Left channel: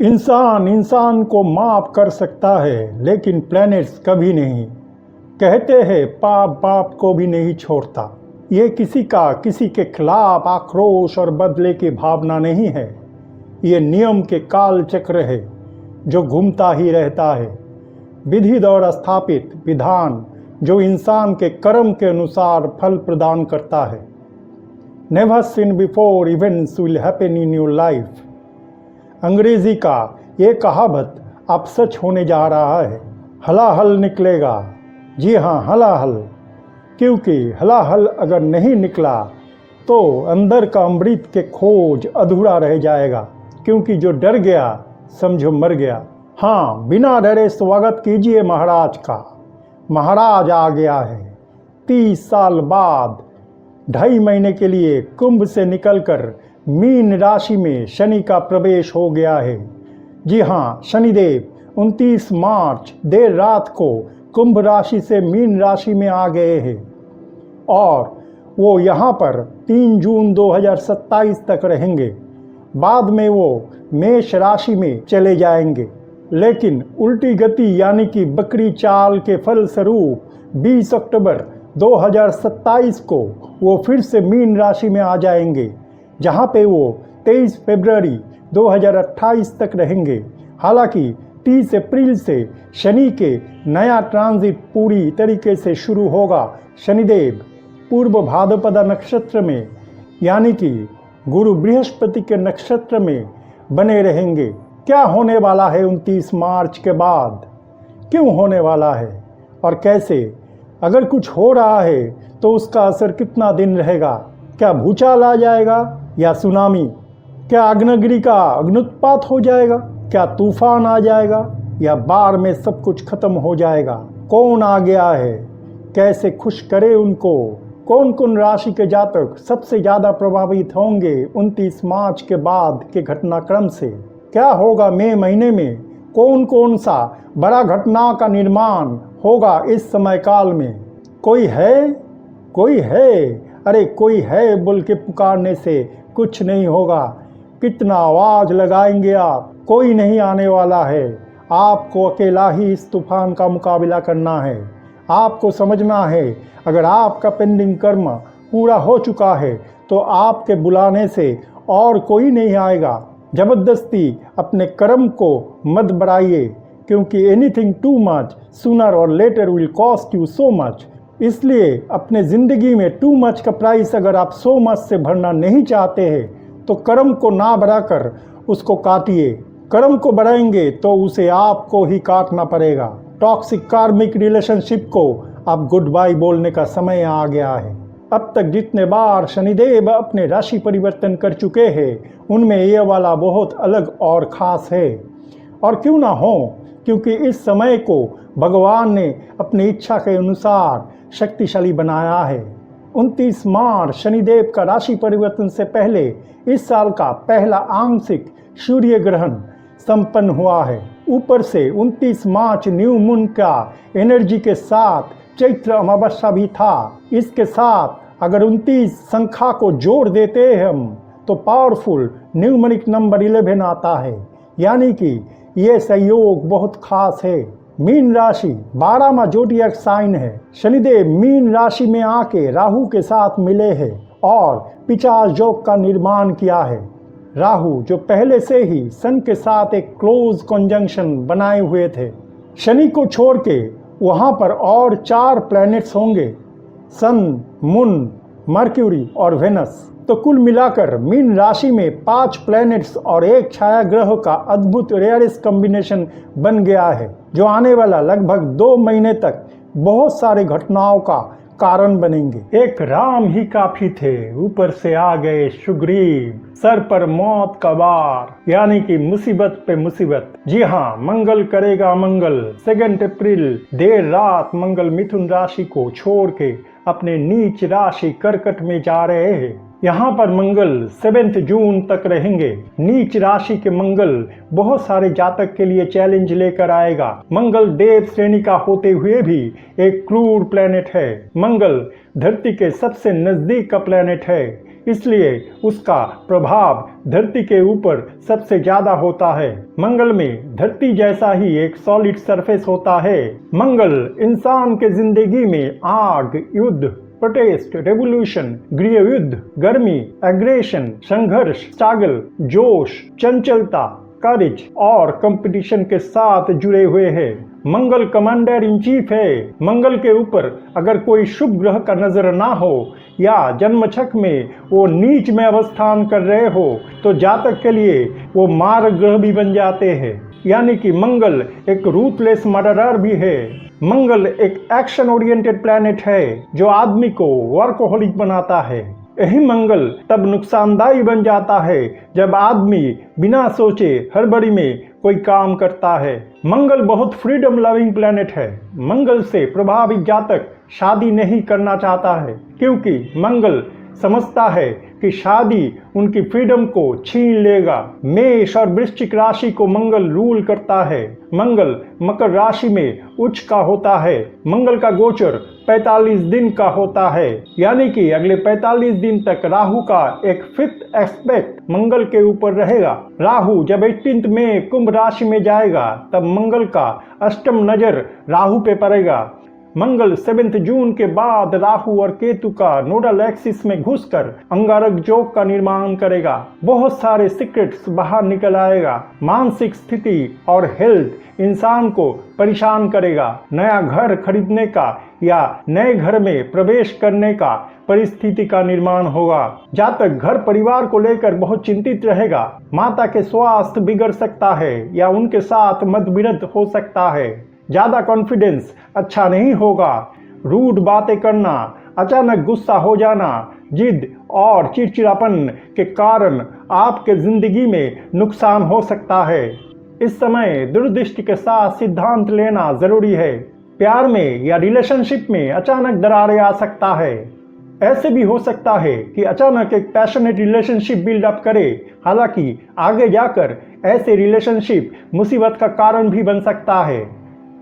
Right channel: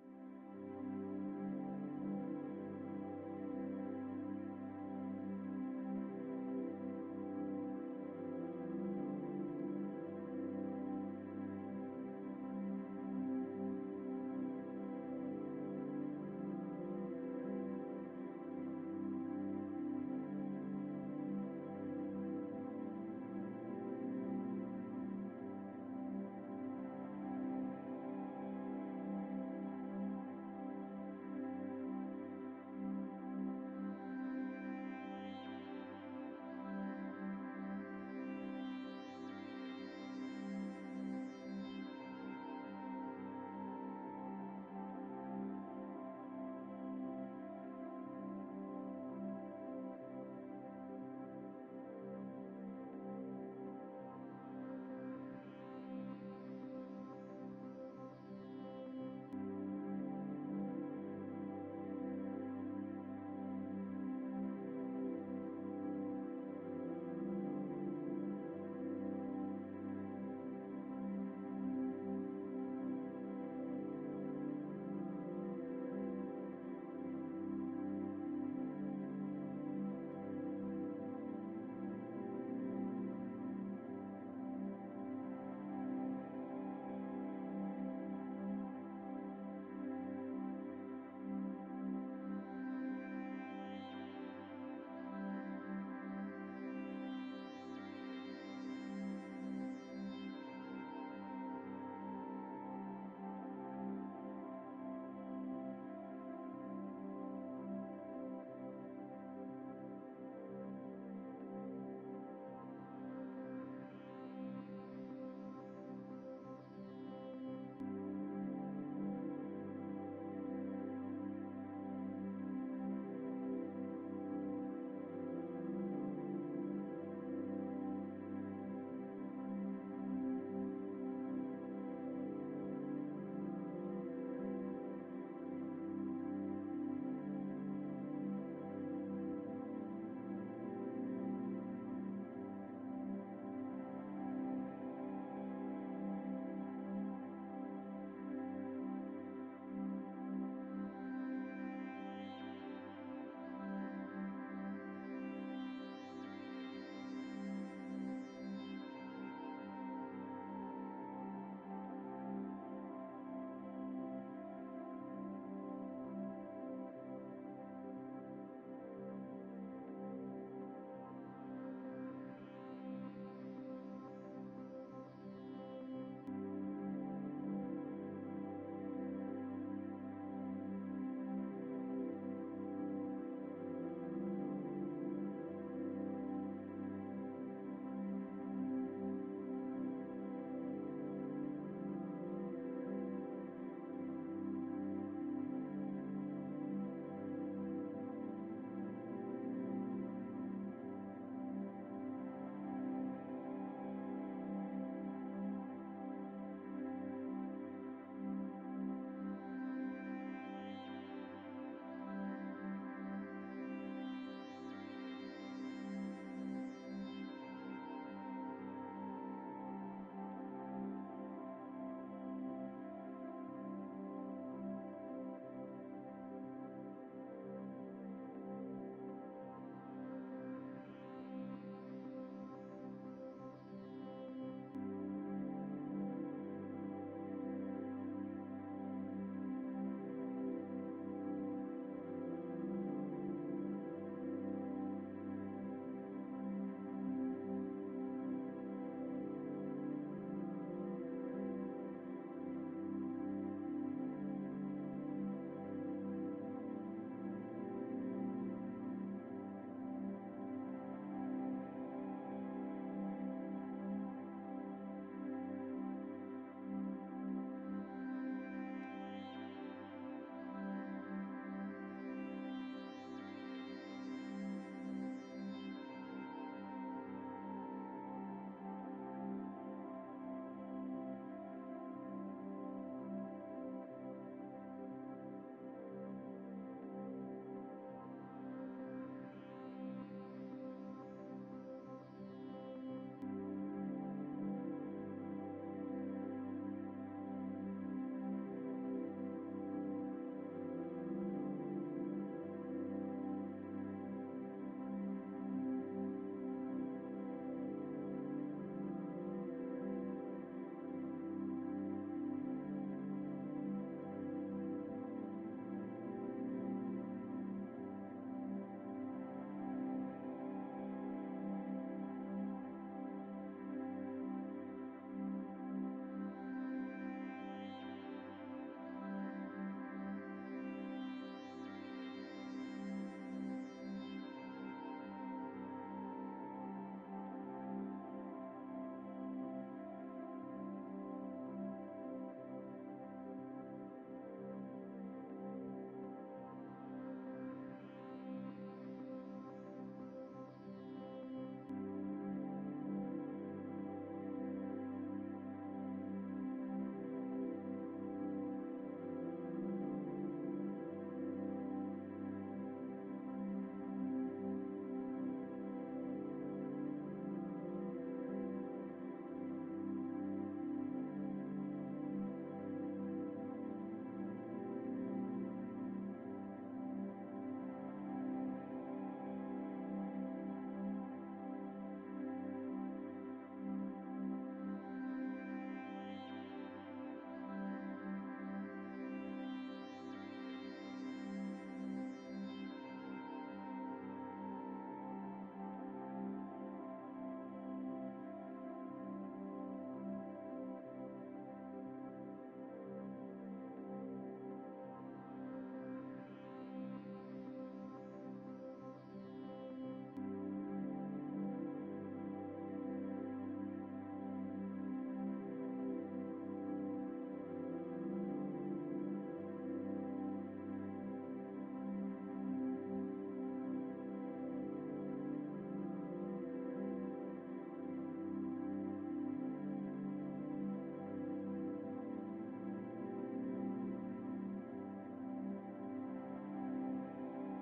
इंसान इंसान को माफ कर सकता है, लेकिन प्लैनेट्स कभी नहीं। कहते हैं पाप बाप को भी नहीं छोड़ता। ये किसी का किसी के खिलाफ आक्रोश और बदले की भावना नहीं है। ये नियम के काल चक्र है जो घूमता ही रहता है। विधि द्वारा स्थापित विधान जो इंसान के कर्म के अनुसार फल प्रदान करता है। Never seen before events will happen in your life. अंग्रेजी का ये कहावत अब सच होने जा रहा है। हलाहल निकलेगा। जी हाँ, हलाहल। क्योंकि हलाहल अगर नहीं निकला तो अंदर का अमृत के खोज अधूरा रह जाएगा। क्योंकि जो डर गया समझो मर गया। हाँ, बिना डरे स्वागत कीजिए महाराज का। महाराज आ गया है। 30 साल बाद 2.5 महीने के लिए कुंभ से निकलकर मीन राशि में शनि का प्रवेश हो गया है। जी हाँ, शनिदेव 29 मार्च देर रात को कुंभ राशि से मीन राशि में आ गए हैं और वो यहाँ पर 3 जून 2027 तक रहेंगे। बाद में वो मेष राशि में चले जाएंगे, लेकिन उल्टी गति यानी कि बकरी चाल के फलस्वरूप 20 अक्टूबर 2027 को वो फिर से मीन राशि में आ जाएंगे, जहाँ पे वो 23 फरवरी 2028 तक रहेंगे। हालांकि 30 अप्रैल से शनि के नया ट्रांजिट पूरी तरीके से शुरू होगा। शनिदेव पूर्व भाद्रपद नक्षत्र में यानी कि गुरु बृहस्पति के नक्षत्र में बने रहेंगे। क्या होने वाला है 29 मार्च के बाद? क्यों होने वाला है और कैसे? अगर कुछ हो रहा है तो उसका असर कितना दिन रहेगा? क्या भूचाल आ जाएगा या सुनामी? क्या अग्निगिरी का अग्नुत्पात हो जाएगा? क्या तूफान आ जाएगा या बाढ़ में सब कुछ खत्म हो जाएगा? कौन आ गया है? कैसे खुश करे उनको? कौन कौन राशि के जातक सबसे ज़्यादा प्रभावित होंगे 29 मार्च के बाद के घटनाक्रम से? क्या होगा मई महीने में? कौन कौन सा बड़ा घटना का निर्माण होगा इस समय काल में? कोई है? कोई है? अरे कोई है बोल के पुकारने से कुछ नहीं होगा। कितना आवाज़ लगाएंगे आप, कोई नहीं आने वाला है। आपको अकेला ही इस तूफान का मुकाबला करना है। आपको समझना है, अगर आपका पेंडिंग कर्म पूरा हो चुका है तो आपके बुलाने से और कोई नहीं आएगा। जबरदस्ती अपने कर्म को मत बढ़ाइए, क्योंकि anything too much sooner or later will cost you so much. इसलिए अपने ज़िंदगी में टू मच का प्राइस अगर आप सो मच से भरना नहीं चाहते हैं तो कर्म को ना बढ़ाकर उसको काटिए। कर्म को बढ़ाएंगे तो उसे आपको ही काटना पड़ेगा। टॉक्सिक कार्मिक रिलेशनशिप को अब गुड बाय बोलने का समय आ गया है। अब तक जितने बार शनिदेव अपने राशि परिवर्तन कर चुके हैं उनमें यह वाला बहुत अलग और ख़ास है। और क्यों ना हो, क्योंकि इस समय को भगवान ने अपनी इच्छा के अनुसार शक्तिशाली बनाया है। 29 मार्च शनिदेव का राशि परिवर्तन से पहले इस साल का पहला आंशिक सूर्य ग्रहण संपन्न हुआ है। ऊपर से 29 मार्च न्यू मून का एनर्जी के साथ चैत्र अमावस्या भी था। इसके साथ अगर 29 संख्या को जोड़ देते हैं हम तो पावरफुल न्यूमरिक नंबर 11 आता है, यानी कि ये संयोग बहुत खास है। मीन राशि 12वां जोडियक साइन है। शनिदेव मीन राशि में आके राहु के साथ मिले हैं और 50 योग का निर्माण किया है। राहु जो पहले से ही सन के साथ एक क्लोज कंजंक्शन बनाए हुए थे। शनि को छोड़ के वहाँ पर और 4 प्लैनेट्स होंगे, सन, मून, मर्क्यूरी और वेनस। तो कुल मिलाकर मीन राशि में 5 प्लैनेट्स और एक छाया ग्रह का अद्भुत रेयरेस्ट कॉम्बिनेशन बन गया है, जो आने वाला लगभग 2 महीने तक बहुत सारे घटनाओं का कारण बनेंगे। एक राम ही काफी थे, ऊपर से आ गए सुग्रीव। सर पर मौत का बार, यानी कि मुसीबत पे मुसीबत। जी हाँ, मंगल करेगा मंगल। 2 अप्रैल देर रात मंगल मिथुन राशि को छोड़ के अपने नीच राशि कर्कट में जा रहे हैं। यहाँ पर मंगल 7 जून तक रहेंगे। नीच राशि के मंगल बहुत सारे जातक के लिए चैलेंज लेकर आएगा। मंगल देव श्रेणी का होते हुए भी एक क्रूर प्लेनेट है। मंगल धरती के सबसे नजदीक का प्लेनेट है, इसलिए उसका प्रभाव धरती के ऊपर सबसे ज्यादा होता है। मंगल में धरती जैसा ही एक सॉलिड सरफेस होता है। मंगल इंसान के जिंदगी में आग, युद्ध, प्रोटेस्ट, रेवोल्यूशन, गृह युद्ध, गर्मी, एग्रेशन, संघर्ष, स्ट्रगल, जोश, चंचलता, करेज और कंपटीशन के साथ जुड़े हुए हैं। मंगल कमांडर इन चीफ है। मंगल के ऊपर अगर कोई शुभ ग्रह का नजर ना हो या जन्मछक में वो नीच में अवस्थान कर रहे हो तो जातक के लिए वो मार्ग ग्रह भी बन जाते हैं। यानी कि मंगल एक रूथलेस मर्डरर भी है। मंगल एक एक्शन ओरिएंटेड प्लैनेट है जो आदमी को वर्कहोलिक बनाता है। यही मंगल तब नुकसानदायी बन जाता है जब आदमी बिना सोचे हड़बड़ी में कोई काम करता है। मंगल बहुत फ्रीडम लविंग प्लैनेट है। मंगल से प्रभावित जातक शादी नहीं करना चाहता है क्योंकि मंगल समझता है कि शादी उनकी फ्रीडम को छीन लेगा। मेष और वृश्चिक राशि को मंगल रूल करता है। मंगल मकर राशि में उच्च का होता है। मंगल का गोचर 45 दिन का होता है, यानी कि अगले 45 दिन तक राहु का एक 5th एस्पेक्ट मंगल के ऊपर रहेगा। राहु जब 18 में कुंभ राशि में जाएगा तब मंगल का अष्टम नजर राहु पे पड़ेगा। मंगल 7 जून के बाद राहु और केतु का नोडल एक्सिस में घुसकर अंगारक जोग का निर्माण करेगा। बहुत सारे सीक्रेट्स बाहर निकल आएगा। मानसिक स्थिति और हेल्थ इंसान को परेशान करेगा। नया घर खरीदने का या नए घर में प्रवेश करने का परिस्थिति का निर्माण होगा। जातक घर परिवार को लेकर बहुत चिंतित रहेगा। माता के स्वास्थ्य बिगड़ सकता है या उनके साथ मतभिन्नता हो सकता है। ज्यादा कॉन्फिडेंस अच्छा नहीं होगा। रूड बातें करना, अचानक गुस्सा हो जाना, जिद और चिड़चिड़ापन के कारण आपके जिंदगी में नुकसान हो सकता है। इस समय दूरदृष्टि के साथ सिद्धांत लेना जरूरी है। प्यार में या रिलेशनशिप में अचानक दरारें आ सकता है। ऐसे भी हो सकता है कि अचानक एक पैशनेट रिलेशनशिप बिल्डअप करे। हालांकि आगे जाकर ऐसे रिलेशनशिप मुसीबत का कारण भी बन सकता है।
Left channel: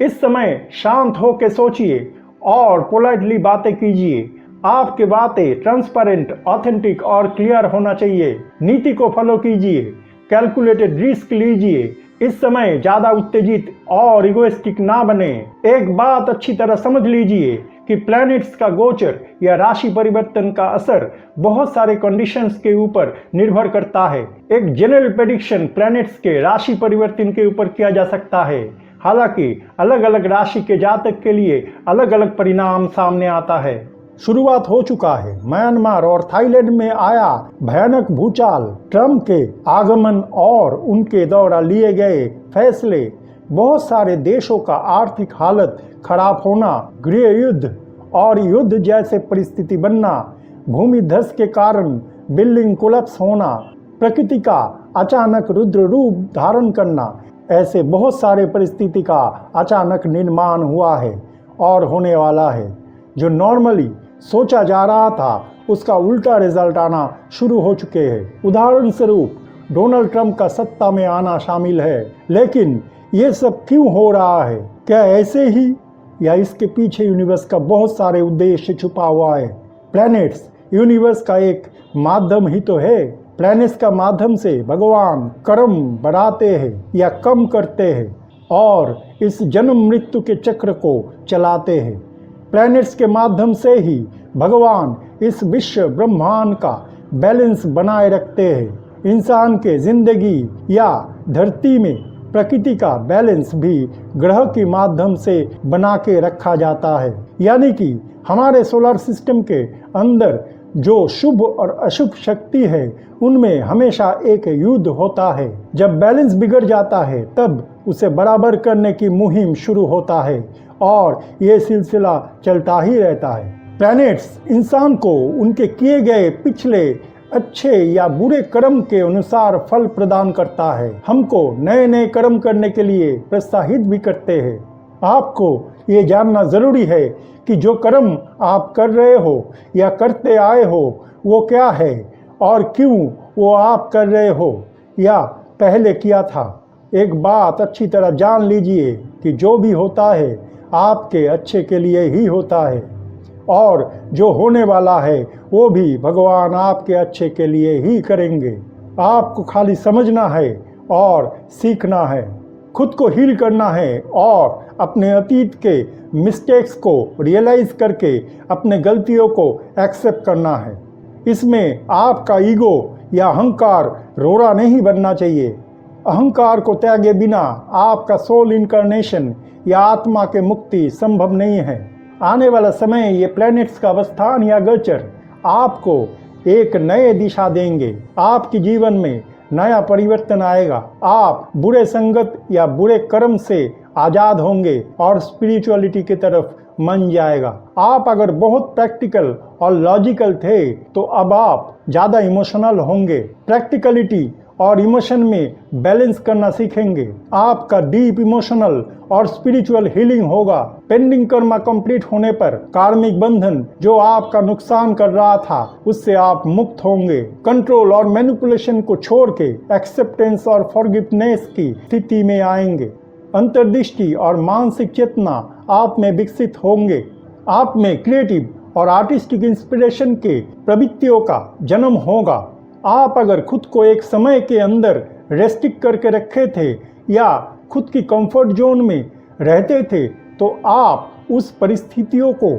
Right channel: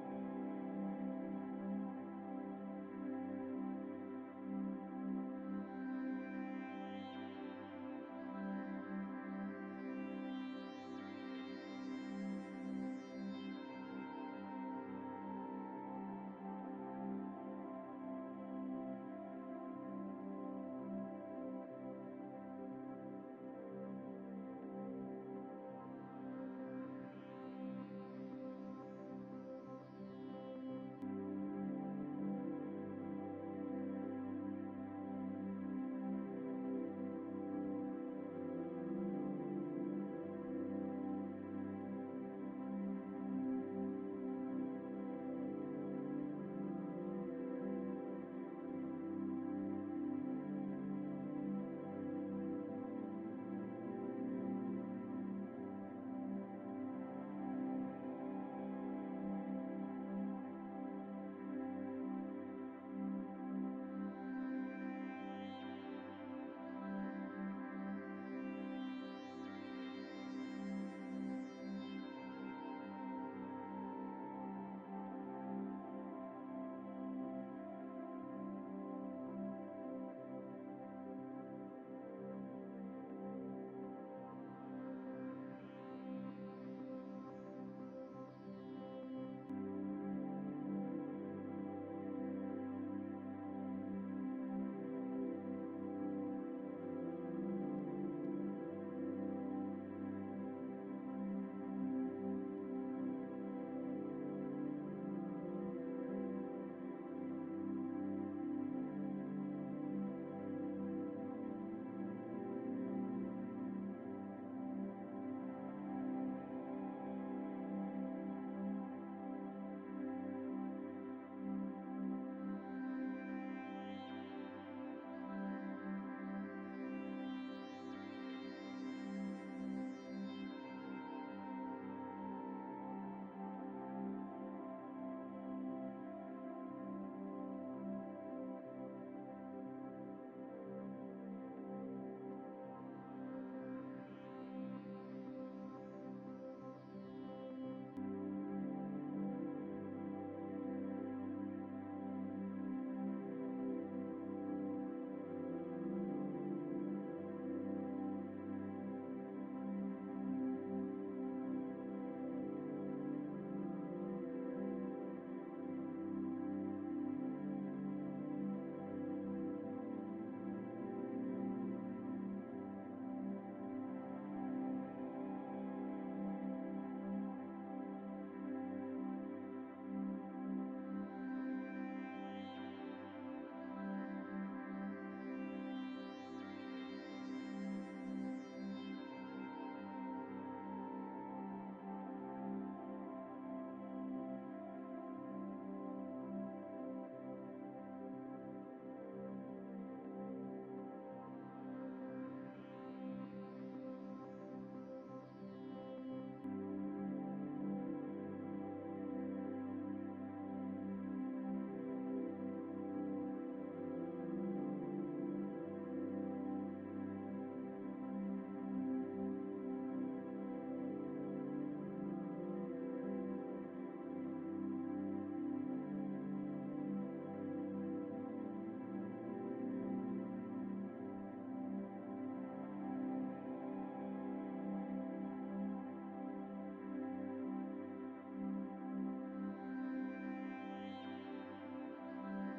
इस समय शांत होकर सोचिए और पोलाइटली बातें कीजिए। आपकी बातें ट्रांसपेरेंट, ऑथेंटिक और क्लियर होना चाहिए। नीति को फॉलो कीजिए। कैलकुलेटेड रिस्क लीजिए। इस समय ज्यादा उत्तेजित और इगोइस्टिक ना बने। एक बात अच्छी तरह समझ लीजिए कि प्लैनेट्स का गोचर या राशि परिवर्तन का असर बहुत सारे कंडीशंस के ऊपर निर्भर करता है। एक जनरल प्रेडिक्शन प्लैनेट्स के राशि परिवर्तन के ऊपर किया जा सकता है। हालांकि अलग अलग राशि के जातक के लिए अलग अलग परिणाम सामने आता है। शुरुआत हो चुका है। म्यांमार और थाईलैंड में आया भयानक भूचाल, ट्रम्प के आगमन और उनके द्वारा लिए गए फैसले, बहुत सारे देशों का आर्थिक हालत खराब होना, गृह युद्ध और युद्ध जैसे परिस्थिति बनना, भूमि धस के कारण बिल्डिंग कोलैप्स होना, प्रकृति का अचानक रुद्र रूप धारण करना, ऐसे बहुत सारे परिस्थिति का अचानक निर्माण हुआ है और होने वाला है। जो नॉर्मली सोचा जा रहा था उसका उल्टा रिजल्ट आना शुरू हो चुके हैं। उदाहरण स्वरूप डोनाल्ड ट्रंप का सत्ता में आना शामिल है। लेकिन ये सब क्यों हो रहा है? क्या ऐसे ही या इसके पीछे यूनिवर्स का बहुत सारे उद्देश्य छुपा हुआ है? प्लैनेट्स यूनिवर्स का एक माध्यम ही तो है। प्लैनेट्स का माध्यम से भगवान कर्म बढ़ाते हैं या कम करते हैं और इस जन्म मृत्यु के चक्र को चलाते हैं। प्लैनेट्स के माध्यम से ही भगवान इस विश्व ब्रह्मांड का बैलेंस बनाए रखते हैं। इंसान के जिंदगी या धरती में प्रकृति का बैलेंस भी ग्रह के माध्यम से बना के रखा जाता है। यानी कि हमारे सोलर सिस्टम के अंदर जो शुभ और अशुभ शक्ति है उनमें हमेशा एक युद्ध होता है। जब बैलेंस बिगड़ जाता है तब उसे बराबर करने की मुहिम शुरू होता है और ये सिलसिला चलता ही रहता है। प्लैनेट्स इंसान को उनके किए गए पिछले अच्छे या बुरे कर्म के अनुसार फल प्रदान करता है। हमको नए नए कर्म करने के लिए प्रोत्साहित भी करते हैं आपको ये जानना ज़रूरी है कि जो कर्म आप कर रहे हो या करते आए हो वो क्या है और क्यों वो आप कर रहे हो या पहले किया था। एक बात अच्छी तरह जान लीजिए कि जो भी होता है आपके अच्छे के लिए ही होता है और जो होने वाला है वो भी भगवान आपके अच्छे के लिए ही करेंगे। आपको खाली समझना है और सीखना है, खुद को हील करना है और अपने अतीत के मिस्टेक्स को रियलाइज करके अपने गलतियों को एक्सेप्ट करना है। इसमें आपका ईगो या अहंकार रोड़ा नहीं बनना चाहिए। अहंकार को त्यागे बिना आपका सोल इनकारनेशन या आत्मा के मुक्ति संभव नहीं है। आने वाला समय ये प्लैनेट्स का अवस्थान या गोचर आपको एक नए दिशा देंगे। आपके जीवन में नया परिवर्तन आएगा। आप बुरे संगत या बुरे कर्म से आज़ाद होंगे और स्पिरिचुअलिटी की तरफ मन जाएगा। आप अगर बहुत प्रैक्टिकल और लॉजिकल थे तो अब आप ज़्यादा इमोशनल होंगे। प्रैक्टिकलिटी और इमोशन में बैलेंस करना सीखेंगे। आपका डीप इमोशनल और स्पिरिचुअल हीलिंग होगा। पेंडिंग कर्मा कंप्लीट होने पर कार्मिक बंधन जो आपका नुकसान कर रहा था उससे आप मुक्त होंगे। कंट्रोल और मैनिपुलेशन को छोड़ के एक्सेप्टेंस और फॉरगिवनेस की स्थिति में आएंगे। अंतर्दृष्टि और मानसिक चेतना आप में विकसित होंगे। आप में क्रिएटिव और आर्टिस्टिक इंस्पिरेशन के प्रवृत्तियों का जन्म होगा। आप अगर खुद को एक समय के अंदर रेस्ट्रिक्ट करके रखे थे या खुद की कंफर्ट जोन में रहते थे तो आप उस परिस्थितियों को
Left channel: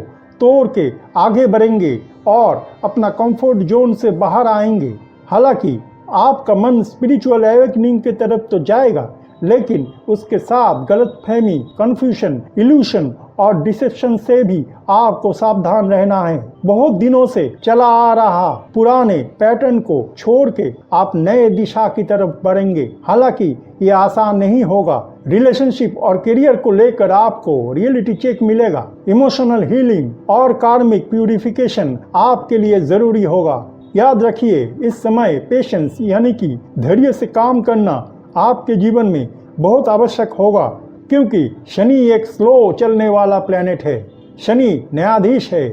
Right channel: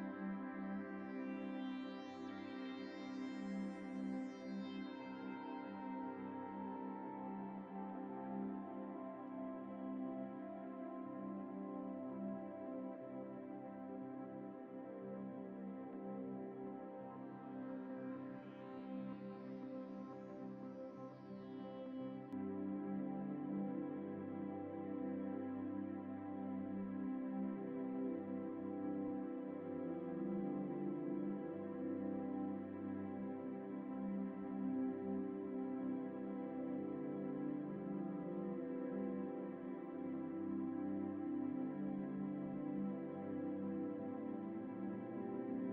तोड़ के आगे बढ़ेंगे और अपना कंफर्ट जोन से बाहर आएंगे। हालांकि आपका मन स्पिरिचुअल एवेकनिंग की तरफ तो जाएगा, लेकिन उसके साथ गलतफहमी, कंफ्यूजन, इल्यूशन और डिसेप्शन से भी आपको सावधान रहना है। बहुत दिनों से चला आ रहा पुराने पैटर्न को छोड़ के आप नए दिशा की तरफ बढ़ेंगे। हालांकि ये आसान नहीं होगा। रिलेशनशिप और करियर को लेकर आपको रियलिटी चेक मिलेगा। इमोशनल हीलिंग और कार्मिक प्यूरिफिकेशन आपके लिए जरूरी होगा। याद रखिए, इस समय पेशेंस यानी कि धैर्य से काम करना आपके जीवन में बहुत आवश्यक होगा, क्योंकि शनि एक स्लो चलने वाला प्लैनेट है। शनि न्यायाधीश है।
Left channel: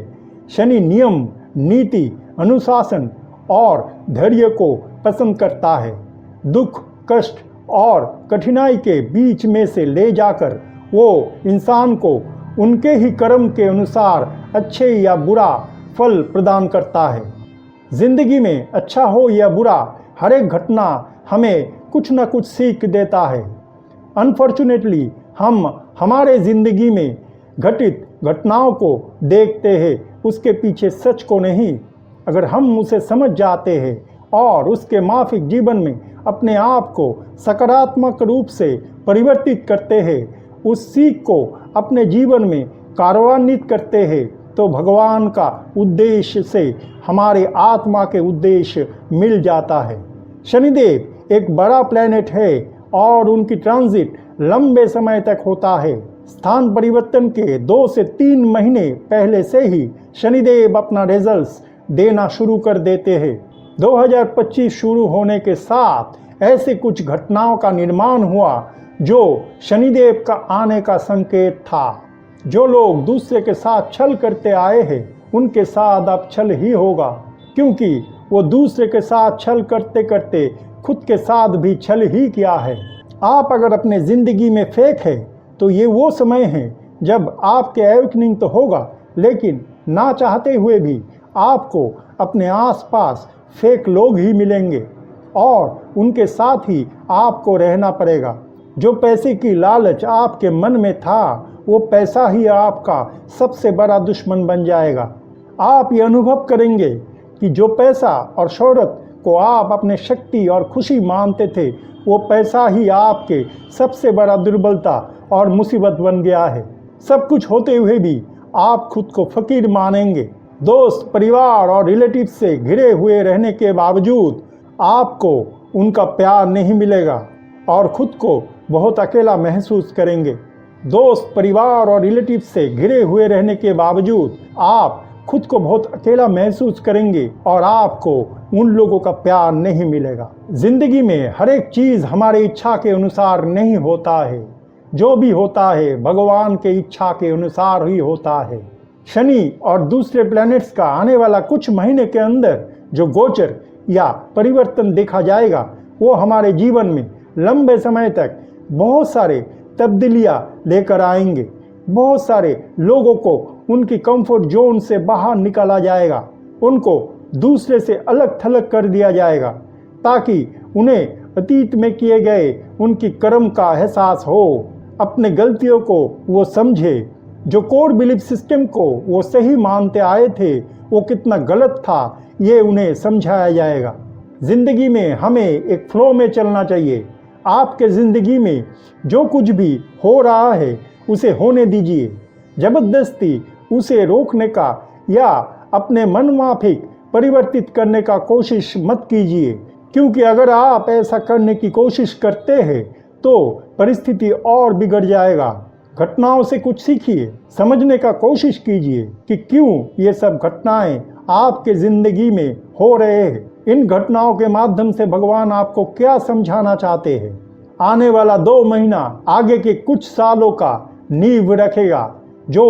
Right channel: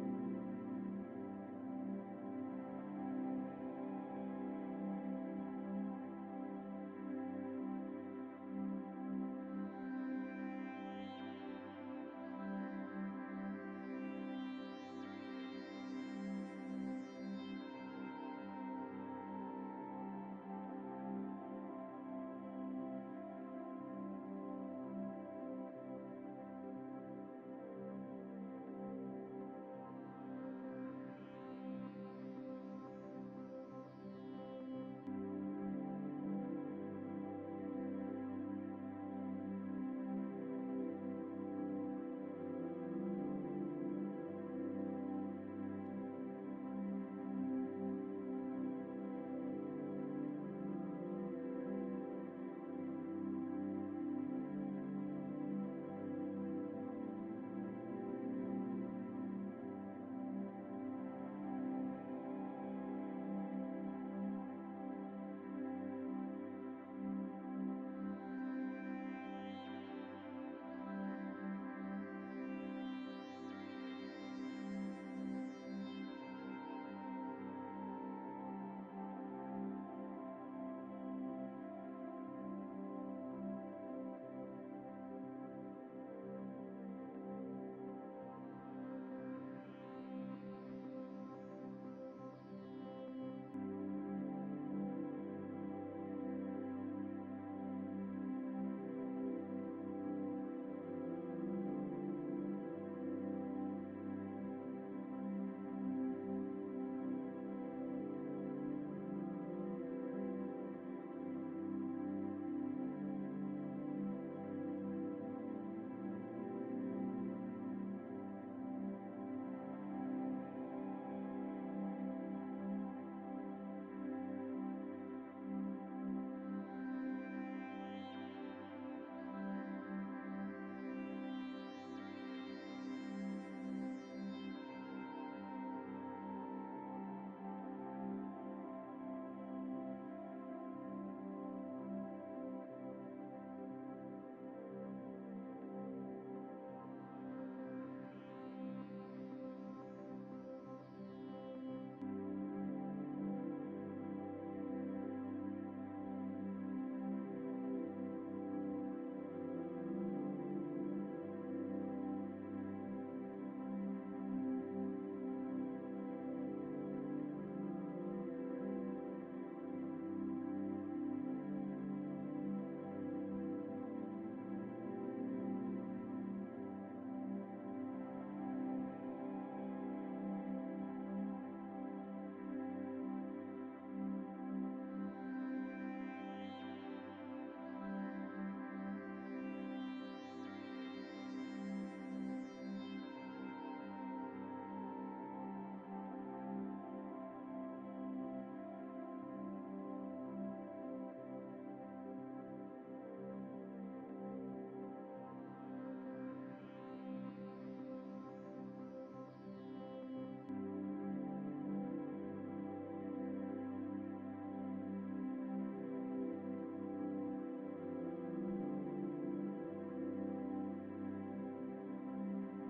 शनि नियम, नीति, अनुशासन और धैर्य को पसंद करता है। दुख, कष्ट और कठिनाई के बीच में से ले जाकर वो इंसान को उनके ही कर्म के अनुसार अच्छे या बुरा फल प्रदान करता है। जिंदगी में अच्छा हो या बुरा, हर एक घटना हमें कुछ न कुछ सीख देता है। अनफॉर्चुनेटली हम हमारे ज़िंदगी में घटित घटनाओं को देखते हैं, उसके पीछे सच को नहीं। अगर हम उसे समझ जाते हैं और उसके माफिक जीवन में अपने आप को सकारात्मक रूप से परिवर्तित करते हैं, उस सीख को अपने जीवन में कार्यान्वित करते हैं, तो भगवान का उद्देश्य से हमारे आत्मा के उद्देश्य मिल जाता है। शनिदेव एक बड़ा प्लैनेट है और उनकी ट्रांजिट लंबे समय तक होता है। स्थान परिवर्तन के 2 से 3 महीने पहले से ही शनिदेव अपना रिजल्ट्स देना शुरू कर देते हैं। 2025 शुरू होने के साथ ऐसे कुछ घटनाओं का निर्माण हुआ जो शनिदेव का आने का संकेत था। जो लोग दूसरे के साथ छल करते आए हैं उनके साथ अब छल ही होगा, क्योंकि वो दूसरे के साथ छल करते करते खुद के साथ भी छल ही किया है। आप अगर अपने ज़िंदगी में फेक है तो ये वो समय है जब आपके एवेकनिंग तो होगा, लेकिन ना चाहते हुए भी आपको अपने आसपास फेक लोग ही मिलेंगे और उनके साथ ही आपको रहना पड़ेगा। जो पैसे की लालच आपके मन में था वो पैसा ही आपका सबसे बड़ा दुश्मन बन जाएगा। आप ये अनुभव करेंगे कि जो पैसा और शोहरत को आप अपने शक्ति और खुशी मानते थे, वो पैसा ही आपके सबसे बड़ा दुर्बलता और मुसीबत बन गया है। सब कुछ होते हुए भी आप खुद को फकीर मानेंगे। दोस्त, परिवार और रिलेटिव से घिरे हुए रहने के बावजूद आपको उनका प्यार नहीं मिलेगा और खुद को बहुत अकेला महसूस करेंगे। दोस्त, परिवार और रिलेटिव से घिरे हुए रहने के बावजूद आप खुद को बहुत अकेला महसूस करेंगे और आपको उन लोगों का प्यार नहीं मिलेगा। जिंदगी में हर एक चीज़ हमारी इच्छा के अनुसार नहीं होता है। जो भी होता है भगवान के इच्छा के अनुसार ही होता है। शनि और दूसरे प्लैनेट्स का आने वाला कुछ महीने के अंदर जो गोचर या परिवर्तन देखा जाएगा वो हमारे जीवन में लंबे समय तक बहुत सारे तब्दीलियां लेकर आएंगे। बहुत सारे लोगों को उनकी कंफर्ट जोन से बाहर निकाला जाएगा, उनको दूसरे से अलग थलग कर दिया जाएगा ताकि उन्हें अतीत में किए गए उनकी कर्म का एहसास हो, अपने गलतियों को वो समझे, जो कोर बिलीफ सिस्टम को वो सही मानते आए थे वो कितना गलत था ये उन्हें समझाया जाएगा। जिंदगी में हमें एक फ्लो में चलना चाहिए। आपके जिंदगी में जो कुछ भी हो रहा है उसे होने दीजिए, जबरदस्ती उसे रोकने का या अपने मन माफिक परिवर्तित करने का कोशिश मत कीजिए, क्योंकि अगर आप ऐसा करने की कोशिश करते हैं तो परिस्थिति और बिगड़ जाएगा। घटनाओं से कुछ सीखिए, समझने का कोशिश कीजिए कि क्यों ये सब घटनाएं आपके जिंदगी में हो रहे हैं। इन घटनाओं के माध्यम से भगवान आपको क्या समझाना चाहते हैं। आने वाला 2 महीना आगे के कुछ सालों का नींव रखेगा जो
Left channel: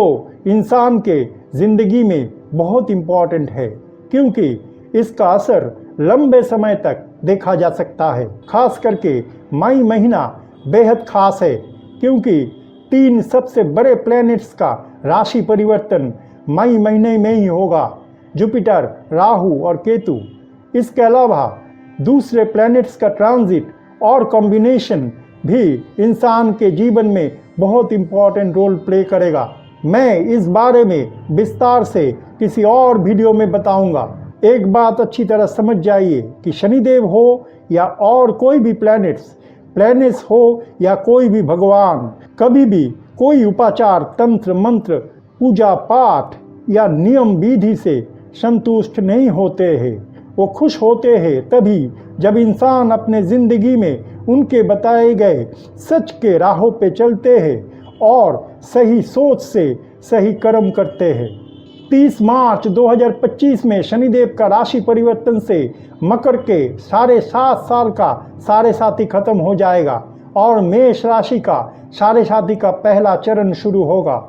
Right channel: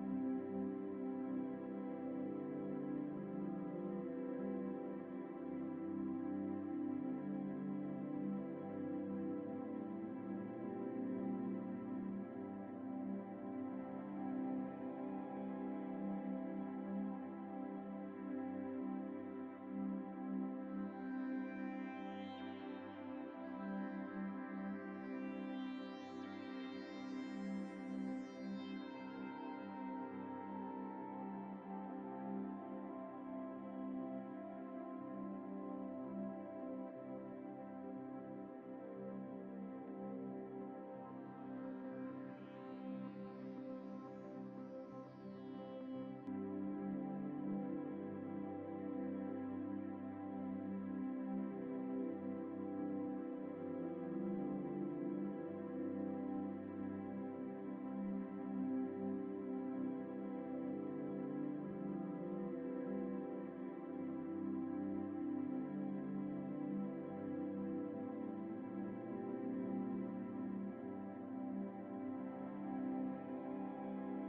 इंसान के जिंदगी में बहुत इम्पोर्टेंट है, क्योंकि इसका असर लंबे समय तक देखा जा सकता है। खास करके मई महीना बेहद खास है क्योंकि 3 सबसे बड़े प्लैनेट्स का राशि परिवर्तन मई महीने में ही होगा, जुपिटर, राहु और केतु। इसके अलावा दूसरे प्लैनेट्स का ट्रांजिट और कॉम्बिनेशन भी इंसान के जीवन में बहुत इम्पोर्टेंट रोल प्ले करेगा। मैं इस बारे में विस्तार से किसी और वीडियो में बताऊंगा। एक बात अच्छी तरह समझ जाइए कि शनिदेव हो या और कोई भी प्लैनेट्स हो या कोई भी भगवान, कभी भी कोई उपाचार, तंत्र मंत्र, पूजा पाठ या नियम विधि से संतुष्ट नहीं होते हैं। वो खुश होते हैं तभी जब इंसान अपने जिंदगी में उनके बताए गए सच के राहों पे चलते हैं और सही सोच से सही कर्म करते हैं। 30 मार्च 2025 में शनिदेव का राशि परिवर्तन से मकर के 7.5 साल का साढ़े साथी खत्म हो जाएगा और मेष राशि का साढ़े साथी का पहला चरण शुरू होगा।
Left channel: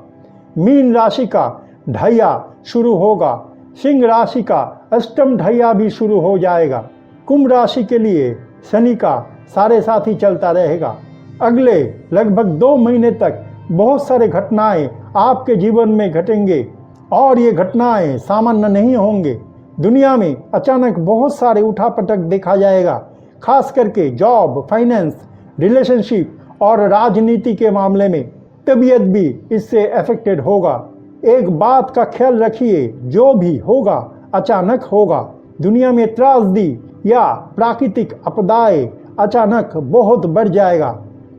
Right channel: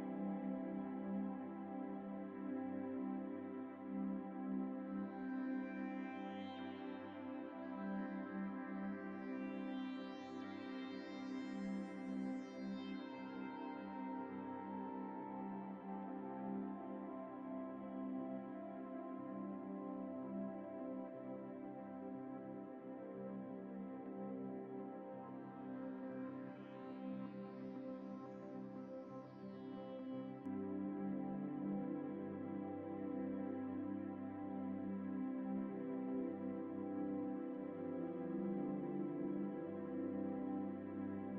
मीन राशि का ढैया शुरू होगा। सिंह राशि का अष्टम ढैया भी शुरू हो जाएगा। कुंभ राशि के लिए शनि का साढ़े साथी चलता रहेगा। अगले लगभग 2 महीने तक बहुत सारे घटनाएं आपके जीवन में घटेंगे और ये घटनाएं सामान्य नहीं होंगे। दुनिया में अचानक बहुत सारे उठापटक देखा जाएगा, खास करके जॉब, फाइनेंस, रिलेशनशिप और राजनीति के मामले में। तबीयत भी इससे अफेक्टेड होगा। एक बात का ख्याल रखिए, जो भी होगा अचानक होगा। दुनिया में त्रासदी या प्राकृतिक आपदाएं अचानक बहुत बढ़ जाएगा।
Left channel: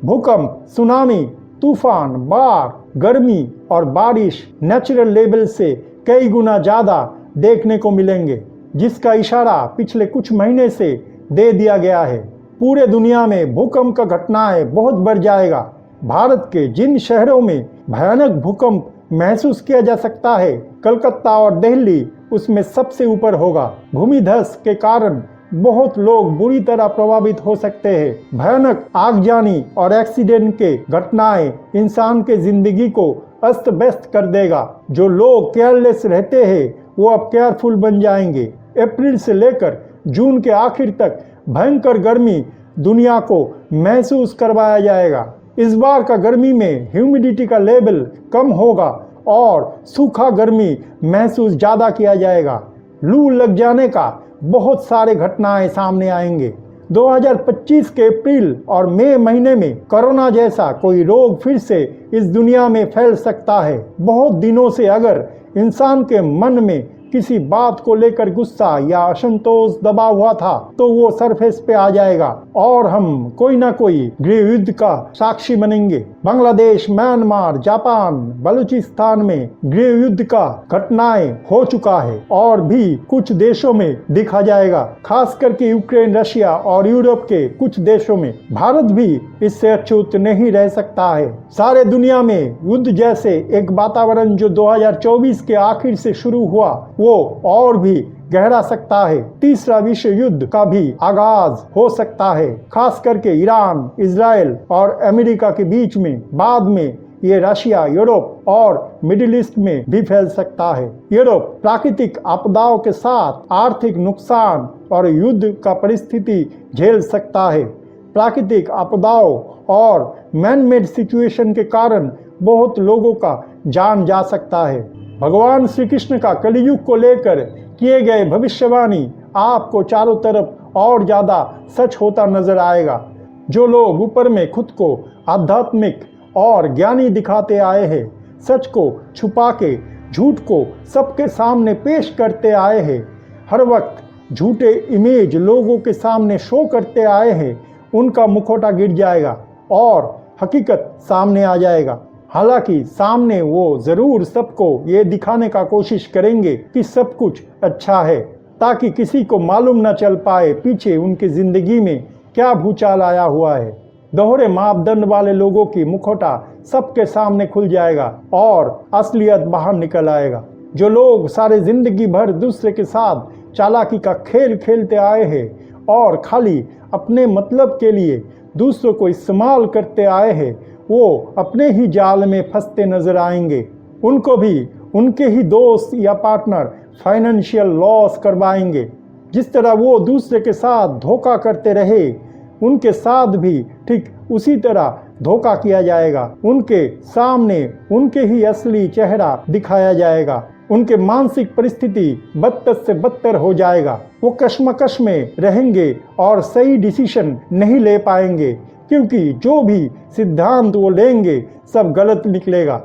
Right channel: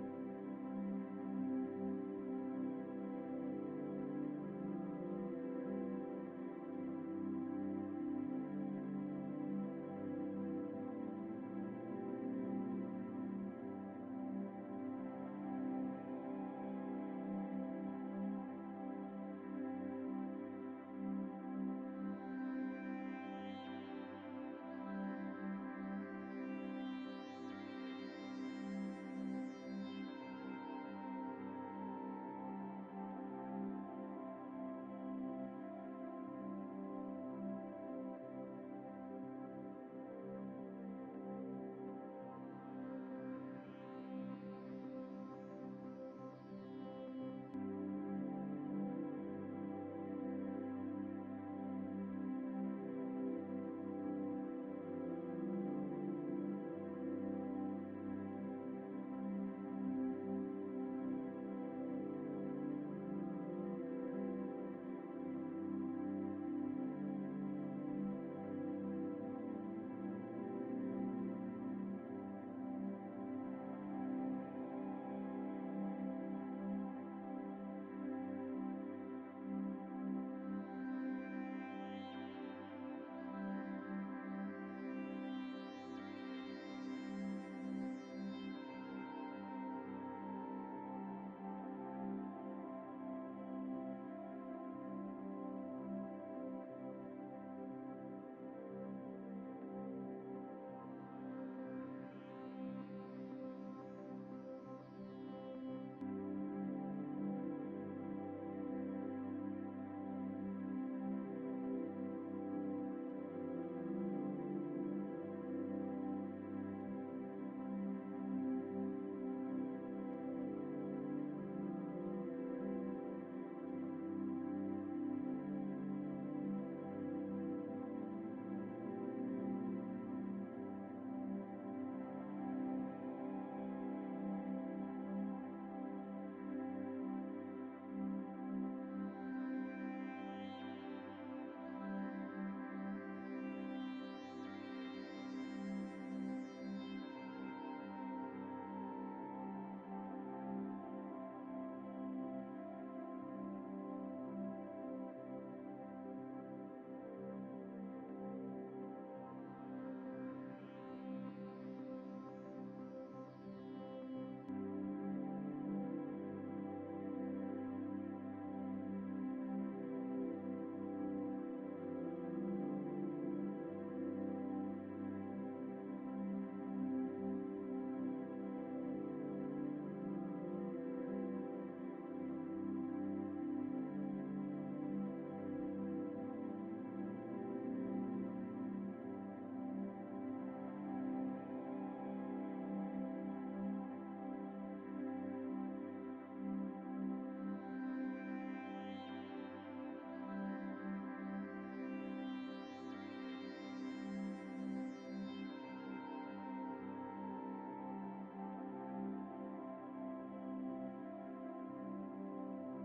भूकंप, सुनामी, तूफान, बाढ़, गर्मी और बारिश नेचुरल लेवल से कई गुना ज़्यादा देखने को मिलेंगे, जिसका इशारा पिछले कुछ महीने से दे दिया गया है। पूरे दुनिया में भूकंप का घटनाएं बहुत बढ़ जाएगा। भारत के जिन शहरों में भयानक भूकंप महसूस किया जा सकता है, कलकत्ता और दिल्ली उसमें सबसे ऊपर होगा। भूमिधस के कारण बहुत लोग बुरी तरह प्रभावित हो सकते हैं। भयानक आगजनी और एक्सीडेंट के घटनाएं इंसान के जिंदगी को अस्त व्यस्त कर देगा। जो लोग केयरलेस रहते हैं वो अब केयरफुल बन जाएंगे। अप्रैल से लेकर जून के आखिर तक भयंकर गर्मी दुनिया को महसूस करवाया जाएगा। इस बार का गर्मी में ह्यूमिडिटी का लेवल कम होगा और सूखा गर्मी महसूस ज़्यादा किया जाएगा। लू लग जाने का बहुत सारे घटनाएं सामने आएंगे। 2025 के अप्रैल और मई महीने में कोरोना जैसा कोई रोग फिर से इस दुनिया में फैल सकता है। बहुत दिनों से अगर इंसान के मन में किसी बात को लेकर गुस्सा या असंतोष दबा हुआ था तो वो सरफेस पे आ जाएगा और हम कोई ना कोई गृह युद्ध का साक्षी बनेंगे। बांग्लादेश, म्यांमार, जापान, बलूचिस्तान में गृह युद्ध का घटनाएं हो चुका है और भी कुछ देशों में दिखा जाएगा, खास करके यूक्रेन, रशिया और यूरोप के कुछ देशों में। भारत भी इससे अछूत नहीं रह सकता है। सारे दुनिया में युद्ध जैसे एक वातावरण जो 2024 के आखिर से शुरू हुआ वो और भी गहरा सकता है। तीसरा विश्व युद्ध का भी आगाज हो सकता है, खास करके ईरान, इजराइल और अमेरिका के बीच में। बाद में ये रशिया, यूरोप और मिडिल ईस्ट में भी फैल सकता है। यूरोप प्राकृतिक आपदाओं के साथ आर्थिक नुकसान और युद्ध का परिस्थिति झेल सकता है। प्राकृतिक आपदाओं और मैन मेड सिचुएशन के कारण बहुत लोगों का जान जा सकता है। भगवान श्री कृष्ण का कलयुग को लेकर किए गए भविष्यवाणी आपको चारों तरफ और ज्यादा सच होता नजर आएगा। जो लोग ऊपर में खुद को आध्यात्मिक और ज्ञानी दिखाते आए हैं, सच को छुपा के झूठ को सबके सामने पेश करते आए हैं, हर वक्त झूठे इमेज लोगों के सामने शो करते आए हैं, उनका मुखौटा गिर जाएगा और हकीकत सामने आ जाएगा। हालांकि सामने वो जरूर सबको ये दिखाने का कोशिश करेंगे कि सब कुछ अच्छा है, ताकि किसी को मालूम न चल पाए पीछे उनकी जिंदगी में क्या भूचाल आया हुआ है। दोहरे मापदंड वाले लोगों की मुखौटा सबके सामने खुल जाएगा और असलियत बाहर निकल आएगा। जो लोग सारे जिंदगी भर दूसरे के साथ चालाकी का खेल खेलते आए हैं और खाली अपने मतलब के लिए दूसरों को इस्तेमाल करते आए हैं, वो अपने ही जाल में फंसते नजर आएंगे। उनको भी उनके ही दोस्त या पार्टनर फाइनेंशियल लॉस करवाएंगे। जिस तरह वो दूसरे के साथ धोखा करते रहे, उनके साथ भी ठीक उसी तरह धोखा किया जाएगा। उनके सामने उनके ही असली चेहरा दिखाया जाएगा। उनके मानसिक परिस्थिति बदतर से बदतर हो जाएगा। वो कश्मकश में रहेंगे और सही डिसीजन नहीं ले पाएंगे, क्योंकि जो भी सिद्धांत वो लेंगे सब गलत निकलेगा।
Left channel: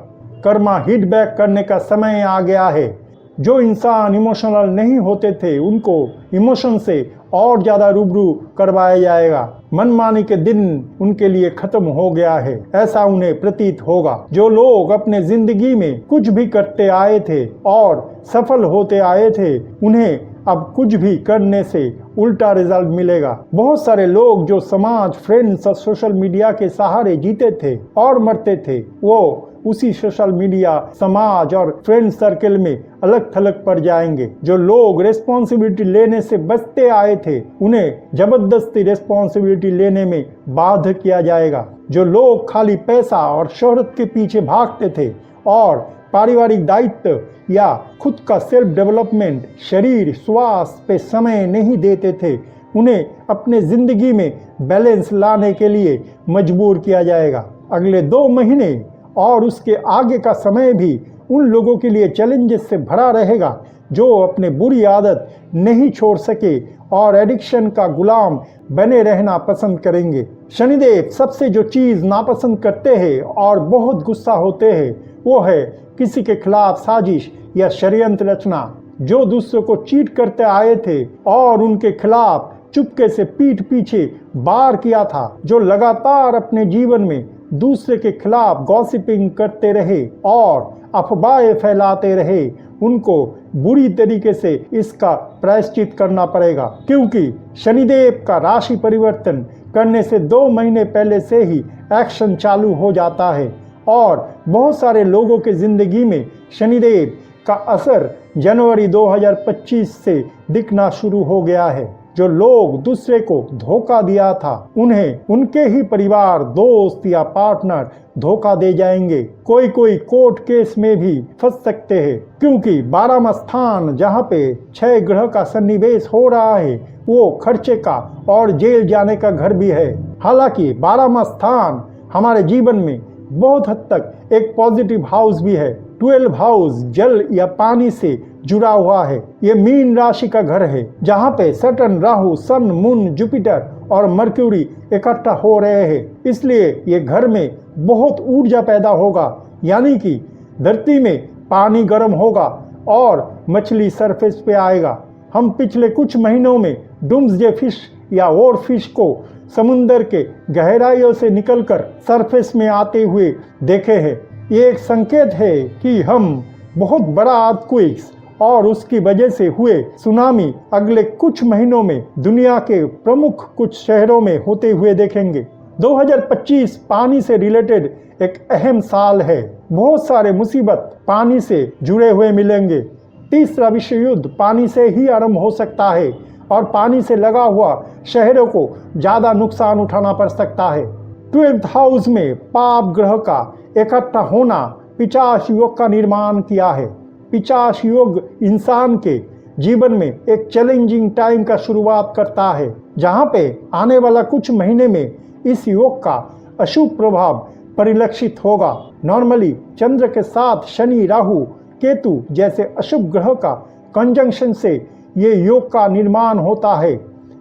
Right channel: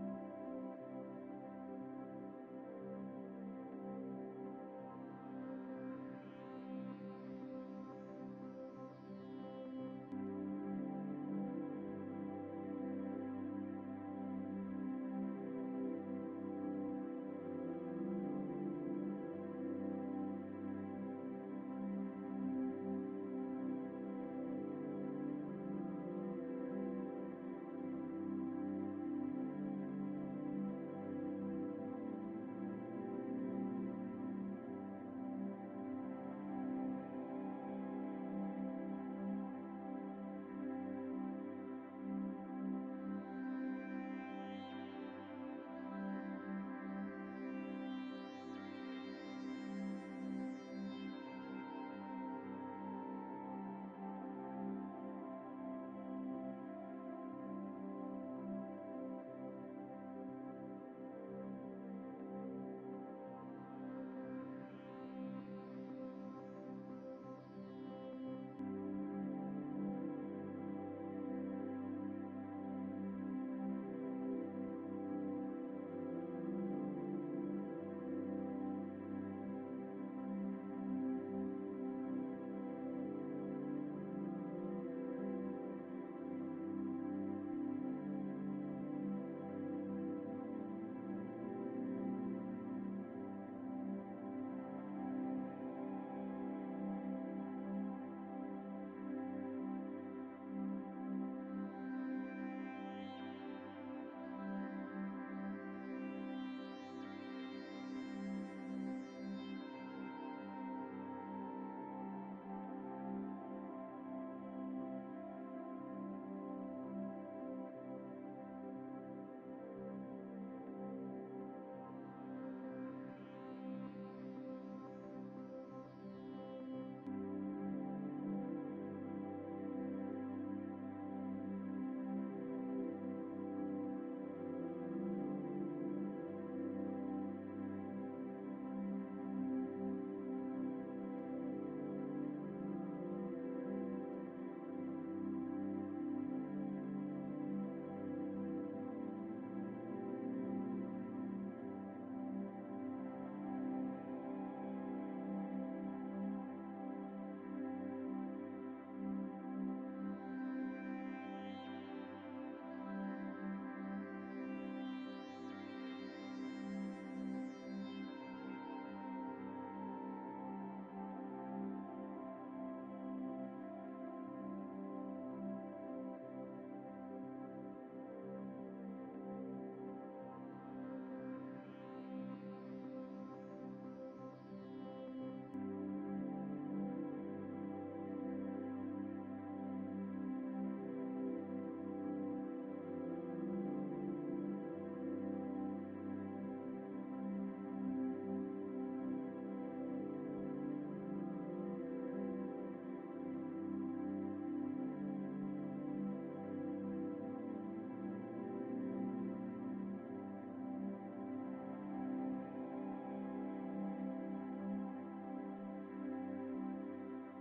कर्मा हिट बैक करने का समय आ गया है। जो इंसान इमोशनल नहीं होते थे, उनको इमोशन से और ज्यादा रूबरू करवाया जाएगा। मनमानी के दिन उनके लिए खत्म हो गया है, ऐसा उन्हें प्रतीत होगा। जो लोग अपने जिंदगी में कुछ भी करते आए थे और सफल होते आए थे, उन्हें अब कुछ भी करने से उल्टा रिजल्ट मिलेगा। बहुत सारे लोग जो समाज, फ्रेंड्स और सोशल मीडिया के सहारे जीते थे और मरते थे, वो उसी सोशल मीडिया, समाज और फ्रेंड सर्कल में अलग थलग पड़ जाएंगे। जो लोग रेस्पॉन्सिबिलिटी लेने से बचते आए थे, उन्हें जबरदस्ती रेस्पॉन्सिबिलिटी लेने में बाध्य किया जाएगा। जो लोग खाली पैसा और शोहरत के पीछे भागते थे और पारिवारिक दायित्व या खुद का सेल्फ डेवलपमेंट, शरीर स्वास्थ्य पे समय नहीं देते थे, उन्हें अपने जिंदगी में बैलेंस लाने के लिए मजबूर किया जाएगा। अगले 2 महीने और उसके आगे का समय भी उन लोगों के लिए चैलेंजेस से भरा रहेगा जो अपने बुरी आदत नहीं छोड़ सके और एडिक्शन का गुलाम बने रहना पसंद करेंगे। शनिदेव सबसे जो चीज नापसंद करते हैं और बहुत गुस्सा होते हैं, वो है किसी के खिलाफ साजिश या षड्यंत्र रचना। जो दूसरों को चीट करते आए थे और उनके खिलाफ चुपके से पीठ पीछे वार किया था, जो लगातार अपने जीवन में दूसरे के खिलाफ गॉसिपिंग करते रहे और अफवाहें फैलाते रहे, उनको बुरी तरीके से इसका प्रायश्चित करना पड़ेगा। क्योंकि शनिदेव का राशि परिवर्तन करने से 2 महीने पहले से ही एक्शन चालू हो जाता है और बहुत सारे लोगों के जिंदगी में शनिदेव का असर जनवरी 2025 से दिखना शुरू हो गया है। जो लोग दूसरे को धोखा दिया था, उन्हें उनके ही परिवार, दोस्त या पार्टनर धोखा दे जाएंगे। कोई कोर्ट केस में भी फंस सकते हैं, क्योंकि 12वां स्थान जहां पे 6 ग्रह का सन्निवेश हो रहा है, वो खर्चे का और जेल जाने का घर भी है। हालांकि 12वां स्थान हमारे जीवन में बहुत हद तक एक पॉजिटिव हाउस भी है। 12 हाउस जल या पानी से जुड़ा हुआ है। ये मीन राशि का घर है, जहाँ पे सैटर्न, राहु, सन, मून, जुपिटर और मर्क्यूरी इकट्ठा हो रहे हैं। इसलिए ये घर में बहुत ऊर्जा पैदा होगा, यानी कि धरती में पानी गर्म होगा और मछली सरफेस पे आएगा। हम पिछले कुछ महीनों में डूम्सडे फिश या वॉर फिश को समुंदर के गहराइयों से निकलकर सरफेस में आते हुए देखे हैं। ये एक संकेत है कि हम बहुत बड़ा अर्थक्वेक्स और उसकी वजह से हुए सुनामी अगले कुछ महीनों में दुनिया के प्रमुख कुछ शहरों में होते हुए देखेंगे। 2025 पानी से रिलेटेड एक अहम साल है। बहुत सारे मुसीबत पानी से जुड़े हुए मिलेंगे। तीसरा विश्व युद्ध पानी से ही आरंभ हो सकता है और पानी से लगा हुआ शहरों को ज़्यादा नुकसान उठाना पड़ सकता है। 12th हाउस में पाप ग्रह का इकट्ठा होना पिशाच योग का निर्माण किया है। पिशाच योग इंसान के जीवन में एक चैलेंजिंग टाइम का शुरुआत करता है, जहां पे आने वाला कुछ महीने में इस योग का अशुभ प्रभाव परिलक्षित होगा। नॉर्मली चंद्र के साथ शनि, राहु, केतु जैसे अशुभ ग्रह का कंजंक्शन से ये योग का निर्माण होता है।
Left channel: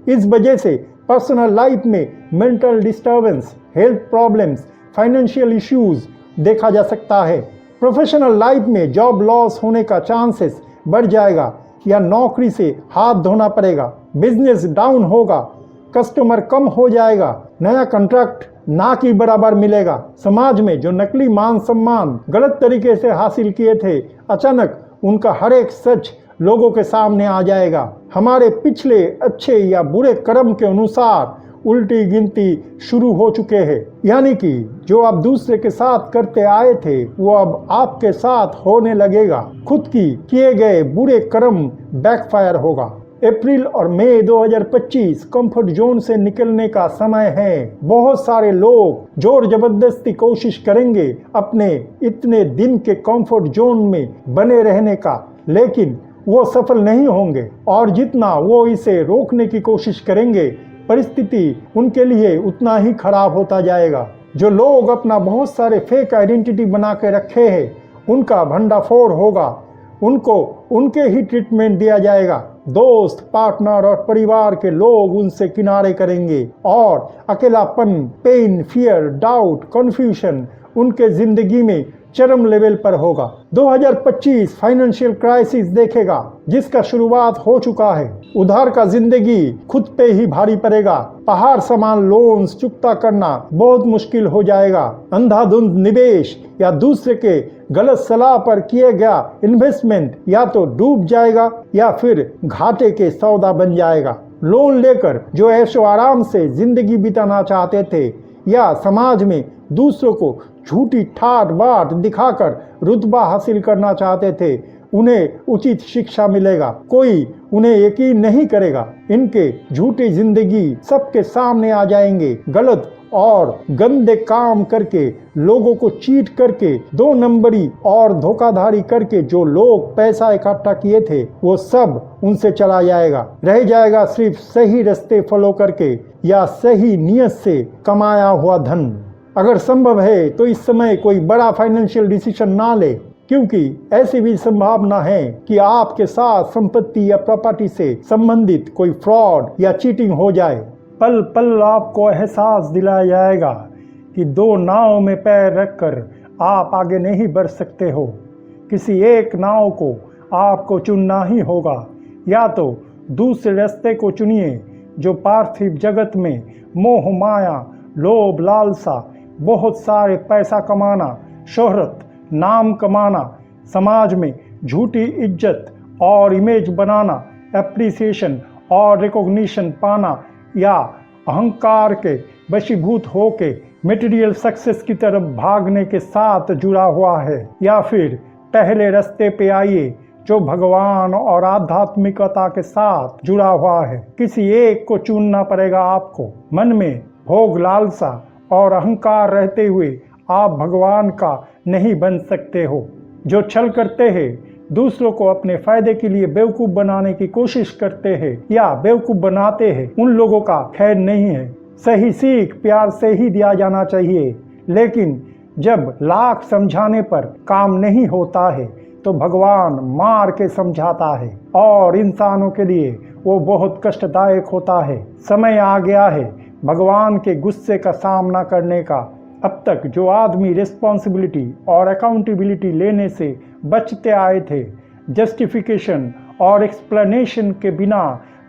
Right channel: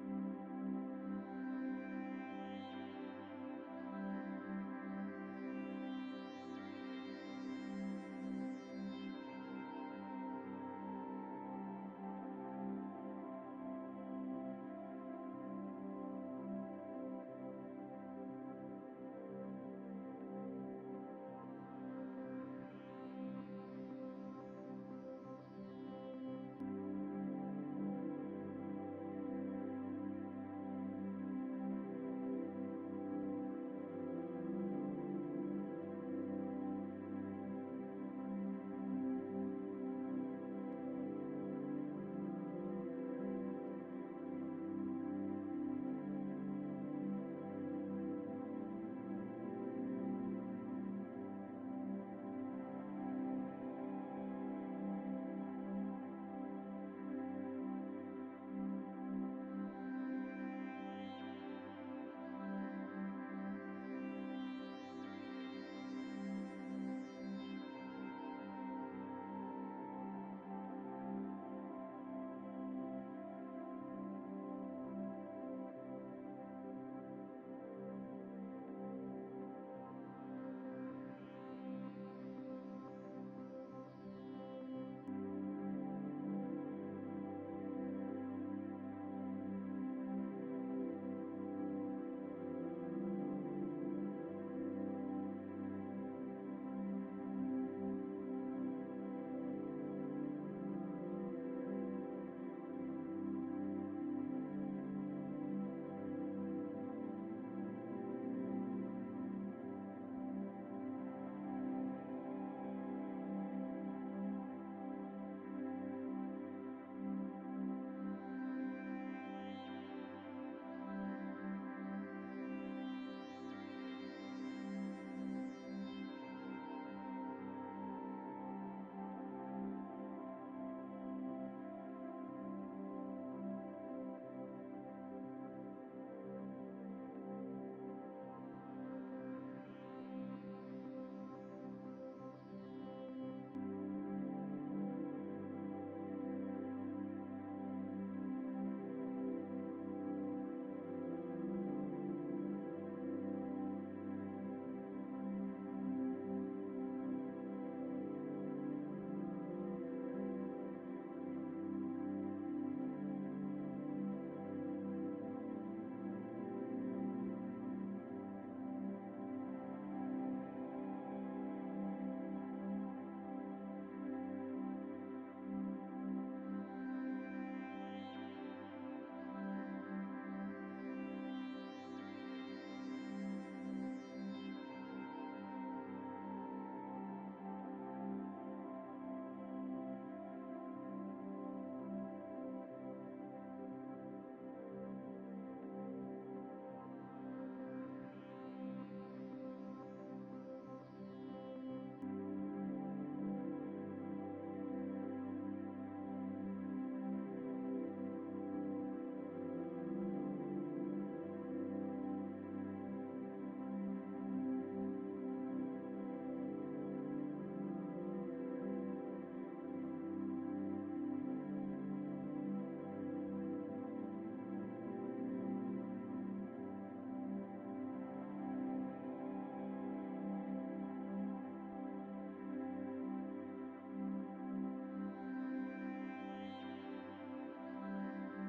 इस वजह से पर्सनल लाइफ में mental disturbance, health problems, financial issues देखा जा सकता है। प्रोफेशनल लाइफ में जॉब लॉस होने का चांसेस बढ़ जाएगा या नौकरी से हाथ धोना पड़ेगा। बिजनेस डाउन होगा, कस्टमर कम हो जाएगा, नया कॉन्ट्रैक्ट ना की बराबर मिलेगा। समाज में जो नकली मान सम्मान गलत तरीके से हासिल किए थे, अचानक उनका हर एक सच लोगों के सामने आ जाएगा। हमारे पिछले अच्छे या बुरे कर्म के अनुसार उल्टी गिनती शुरू हो चुके हैं, यानी कि जो आप दूसरे के साथ करते आए थे वो अब आपके साथ होने लगेगा। खुद की किए गए बुरे कर्म बैकफायर होगा। अप्रैल और मई 2025 कंफर्ट जोन से निकलने का समय है। बहुत सारे लोग जोर जबरदस्ती कोशिश करेंगे अपने इतने दिन के कंफर्ट जोन में बने रहने का, लेकिन वो सफल नहीं होंगे और जितना वो इसे रोकने की कोशिश करेंगे परिस्थिति उनके लिए उतना ही खराब होता जाएगा। जो लोग अपना बहुत सारे फेक आइडेंटिटी बना के रखे हैं उनका भंडाफोड़ होगा, उनको उनके ही ट्रीटमेंट दिया जाएगा। दोस्त, पार्टनर और परिवार के लोग उनसे किनारे करेंगे और अकेलापन, पेन, फियर, डाउट, कंफ्यूजन उनके जिंदगी में चरम लेवल पर होगा। 2025 फाइनेंशियल क्राइसिस देखेगा जिसका शुरुआत हो चुका है। उधार का जिंदगी खुद पे ही भारी पड़ेगा। पहाड़ समान लोन्स चुकता करना बहुत मुश्किल हो जाएगा। अंधाधुंध निवेश या दूसरे के गलत सलाह पर किए गया इन्वेस्टमेंट या तो डूब जाएगा या फिर घाटे के सौदा बन जाएगा। लोन लेकर जो ऐशो आराम से जिंदगी बिताना चाहते थे या समाज में दूसरों को झूठी ठाट बाट दिखाकर रुतबा हासिल करना चाहते थे, उन्हें उचित शिक्षा मिलेगा। कोई उन्हें यकीन नहीं करेगा। इनके झूठी जिंदगी सबके सामने आ जाएंगे। गलत और गंदे काम करके, लोगों को चीट करके, 2 नंबरी और धोखाधड़ी करके जो लोग पैसा इकट्ठा किए थे वो सब उनसे चला जाएगा। रह जाएगा सिर्फ सही रास्ते फॉलो करके या सही नियत से कमाया हुआ धन। अगर संभव है तो इस समय कोई बड़ा फाइनेंशियल डिसीजन ना ले, क्योंकि ऐसी भी संभावना है कि आपके साथ संपत्ति या प्रॉपर्टी से संबंधित कोई फ्रॉड या चीटिंग हो जाए। पल पल आपको एहसास दिलाया जाएगा कि 2 नाव में पैर रखकर आप आगे नहीं बढ़ सकते हो। किसी एक नाव को आपको चुनना ही होगा। या तो दूसरे रास्ते को चुनिए जो पार्थिव जगत में मोह माया, लोभ, लालसा, बहुत सारे पैसा कमाना, शोहरत, नाम कमाना, समाज में झूठी इज्जत और इमेज बनाना, एप्रिसिएशन और रिकॉग्निशन पाना या अहंकार के वशीभूत होके मटेरियल सक्सेस की तरफ भागने के साथ जुड़ा हुआ है। या फिर पहले रास्ते पे आइए जो भगवान और आध्यात्मिकता के साथ जुड़ा हुआ है। किसी एक को चुनना पड़ेगा आपको। मन में भोग, लालसा और अहंकार रहते हुए आप भगवान का नहीं बन सकते हो। जो छल करते हैं, दूसरों को अपने फायदे के लिए बेवकूफ़ बनाने की कोशिश करते हैं या बेवकूफ़ बनाते हैं, उन लोगों का खैर नहीं है। सही सीख प्यार से ही दिया जाना चाहिए, लेकिन जब लाख समझाने पर काम नहीं होता है तो भगवान मार के समझाता है और इंसानों के लिए वो बहुत कष्टदायक होता है। समय आ गया है भगवान के गुस्से का सामना करने का। अब तक जो आदमी रिस्पॉन्सिबिलिटी और अकाउंटेबिलिटी लेने से बचते आए थे, जस्टिफिकेशन और एक्सप्लेनेशन के बिना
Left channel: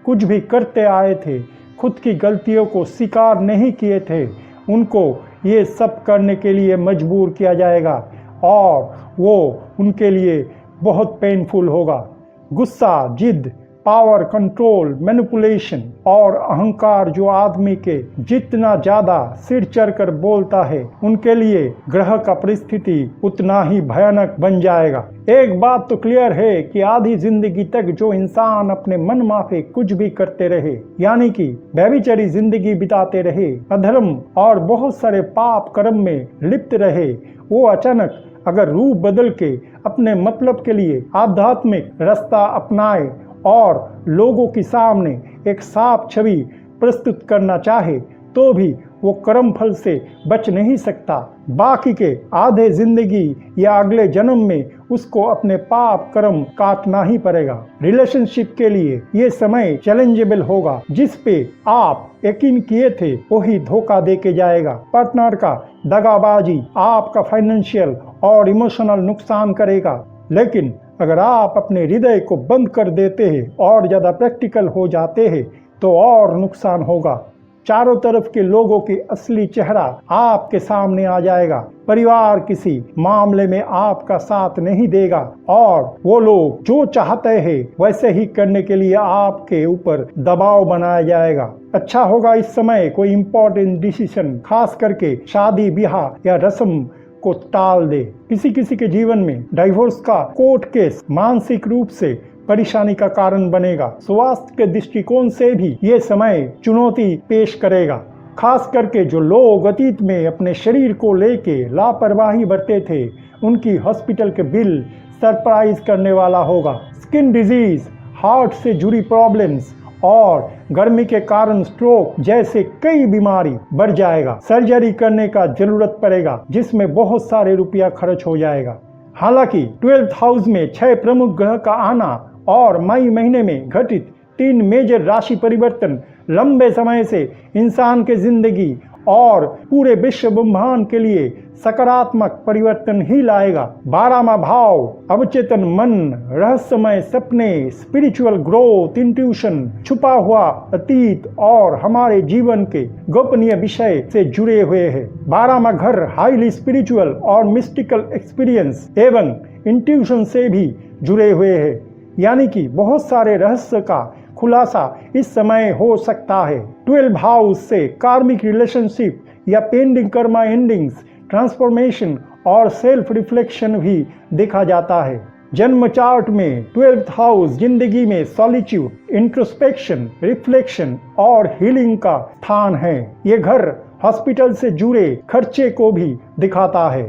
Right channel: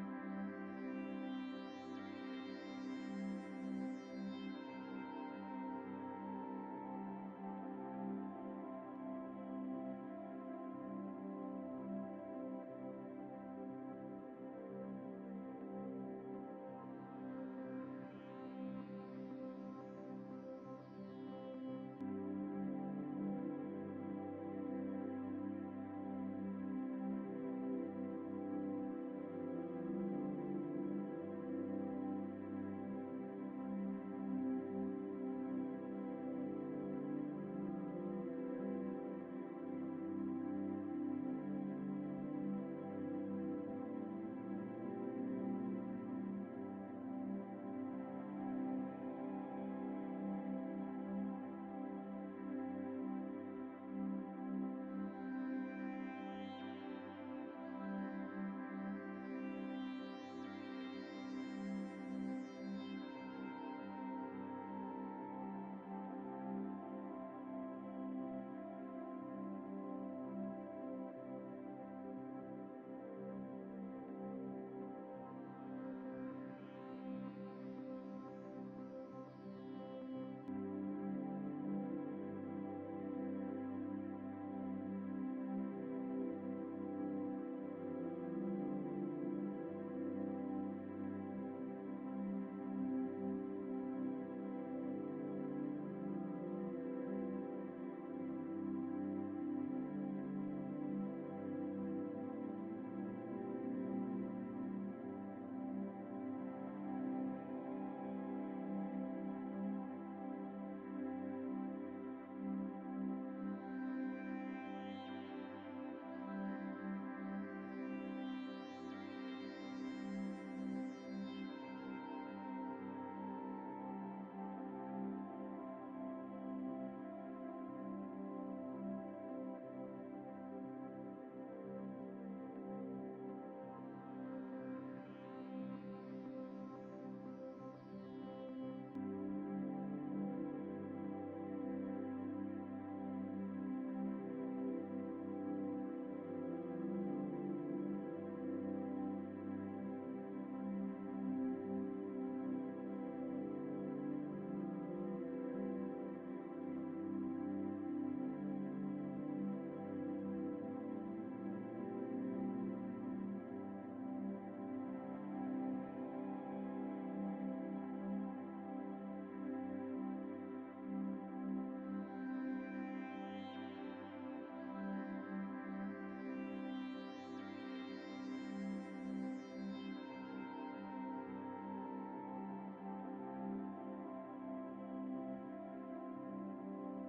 कुछ भी करते आए थे, खुद की गलतियों को स्वीकार नहीं किए थे, उनको ये सब करने के लिए मजबूर किया जाएगा और वो उनके लिए बहुत पेनफुल होगा। गुस्सा, जिद, पावर, कंट्रोल, मैनिपुलेशन और अहंकार जो आदमी के जितना ज्यादा सिर चढ़कर बोलता है, उनके लिए ग्रह का परिस्थिति उतना ही भयानक बन जाएगा। एक बात तो क्लियर है कि आधी जिंदगी तक जो इंसान अपने मन माफे कुछ भी करते रहे, यानी कि व्यभिचारी जिंदगी बिताते रहे, अधर्म और बहुत सारे पाप कर्म में लिप्त रहे, वो अचानक अगर रूप बदल के अपने मतलब के लिए आध्यात्मिक रास्ता अपनाए और लोगों के सामने एक साफ छवि प्रस्तुत करना चाहे, तो भी वो कर्म फल से बच नहीं सकता। बाकी के आधे जिंदगी या अगले जन्म में उसको अपने पाप कर्म काटना ही पड़ेगा। रिलेशनशिप के लिए ये समय चैलेंजेबल होगा। जिस पे आप यकीन किए थे वही धोखा दे के जाएगा। पार्टनर का दगाबाजी आपका फाइनेंशियल और इमोशनल नुकसान करेगा। लेकिन अगर आप अपने हृदय को बंद कर देते हैं और ज्यादा प्रैक्टिकल हो जाते हैं तो और नुकसान होगा। चारों तरफ के लोगों की असली चेहरा आपके सामने आ जाएगा। परिवार किसी मामले में आपका साथ नहीं देगा और वो लोग जो चाहते हैं वैसे ही करने के लिए आपके ऊपर दबाव बनाया जाएगा। अच्छा होगा इस समय कोई इम्पोर्टेंट डिसीजन, खास करके शादी ब्याह या रस्म को टाल दे। किसी के जीवन में डाइवोर्स का कोर्ट केस मानसिक रूप से परेशानी का कारण बनेगा। स्वास्थ्य के दृष्टिकोण से भी ये समय चुनौती पेश करेगा। खास करके जो लोग अतीत में अपने शरीर को लेके लापरवाही बरते थे, उनकी हॉस्पिटल के बिल सरप्राइज करने वाला होगा। स्किन डिजीज, हार्ट से जुड़ी प्रॉब्लम्स और गर्मी के कारण स्ट्रोक जैसे कई बीमारी बढ़ जाएगा। सर्जरी करने का जरूरत पड़ेगा जिसमें बहुत सारे रुपया खर्च हो जाएगा। हालांकि 12th हाउस में 6 प्रमुख ग्रह का आना और मई महीने में घटित 3 मेजर राशि परिवर्तन लंबे समय से इंसान के जिंदगी और पूरे विश्व ब्रह्मांड के लिए सकारात्मक परिवर्तन ही लाएगा। 12वां भाव अवचेतन मन, रहस्यमय सपने, स्पिरिचुअल ग्रोथ, इंट्यूशन, छुपा हुआ अतीत और हमारे जीवन के गोपनीय विषय से जुड़े हुए हैं। 12वां घर हाईली स्पिरिचुअल और मिस्टिकल एक्सपीरियंस एवं इंट्यूशन से भी जुड़े हुए हैं, यानी कि बहुत सारे रहस्य का खुलासा इस समय हो सकता है। 12 हाउस से कार्मिक रिलेशनशिप या पेंडिंग कर्मा एंडिंग्स, ट्रांसफॉर्मेशन और सेल्फ रिफ्लेक्शन भी देखा जाता है। जन्म चार्ट में 12th हाउस जिंदगी में सॉलिट्यूड, इंट्रोस्पेक्शन, रिफ्लेक्शन और हीलिंग का स्थान है। ये घर हॉस्पिटल से जुड़े खर्चे को भी दिखाता है।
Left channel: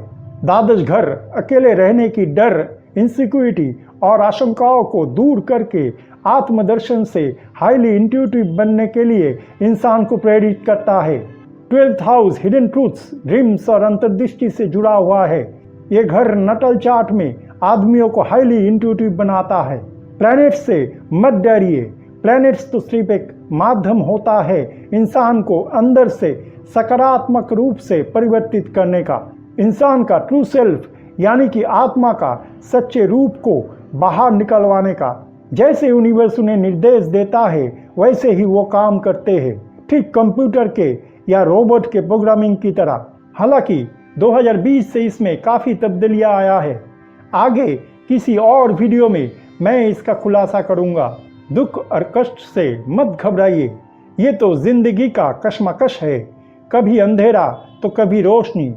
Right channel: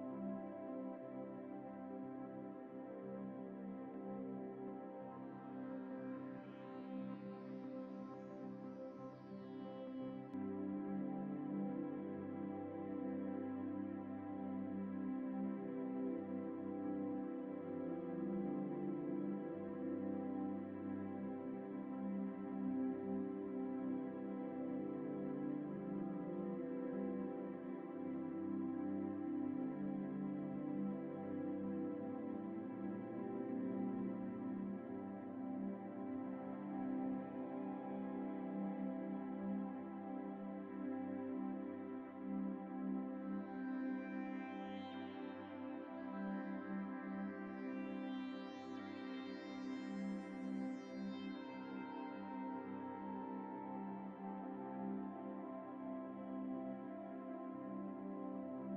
द्वादश घर अकेले रहने की डर, इनसिक्योरिटी और आशंकाओं को दूर करके आत्मदर्शन से हाईली इंट्यूटिव बनने के लिए इंसान को प्रेरित करता है। 12th house hidden truths, dreams और अंतर्दृष्टि से जुड़ा हुआ है। ये घर नटल चार्ट में आदमियों को हाईली इंट्यूटिव बनाता है। प्लैनेट से मत डरिए। प्लैनेट्स तो सिर्फ एक माध्यम होता है इंसान को अंदर से सकारात्मक रूप से परिवर्तित करने का। इंसान का ट्रू सेल्फ यानी कि आत्मा का सच्चे रूप को बाहर निकलवाने का। जैसे यूनिवर्स उन्हें निर्देश देता है वैसे ही वो काम करते हैं, ठीक कंप्यूटर के या रोबोट के प्रोग्रामिंग की तरह। हालांकि 2020 से इसमें काफ़ी तब्दीलियां आया है। आगे किसी और वीडियो में मैं इसका खुलासा करूंगा। दुख और कष्ट से मत घबराइए, ये तो जिंदगी का कश्मकश है। कभी अंधेरा तो कभी रोशनी,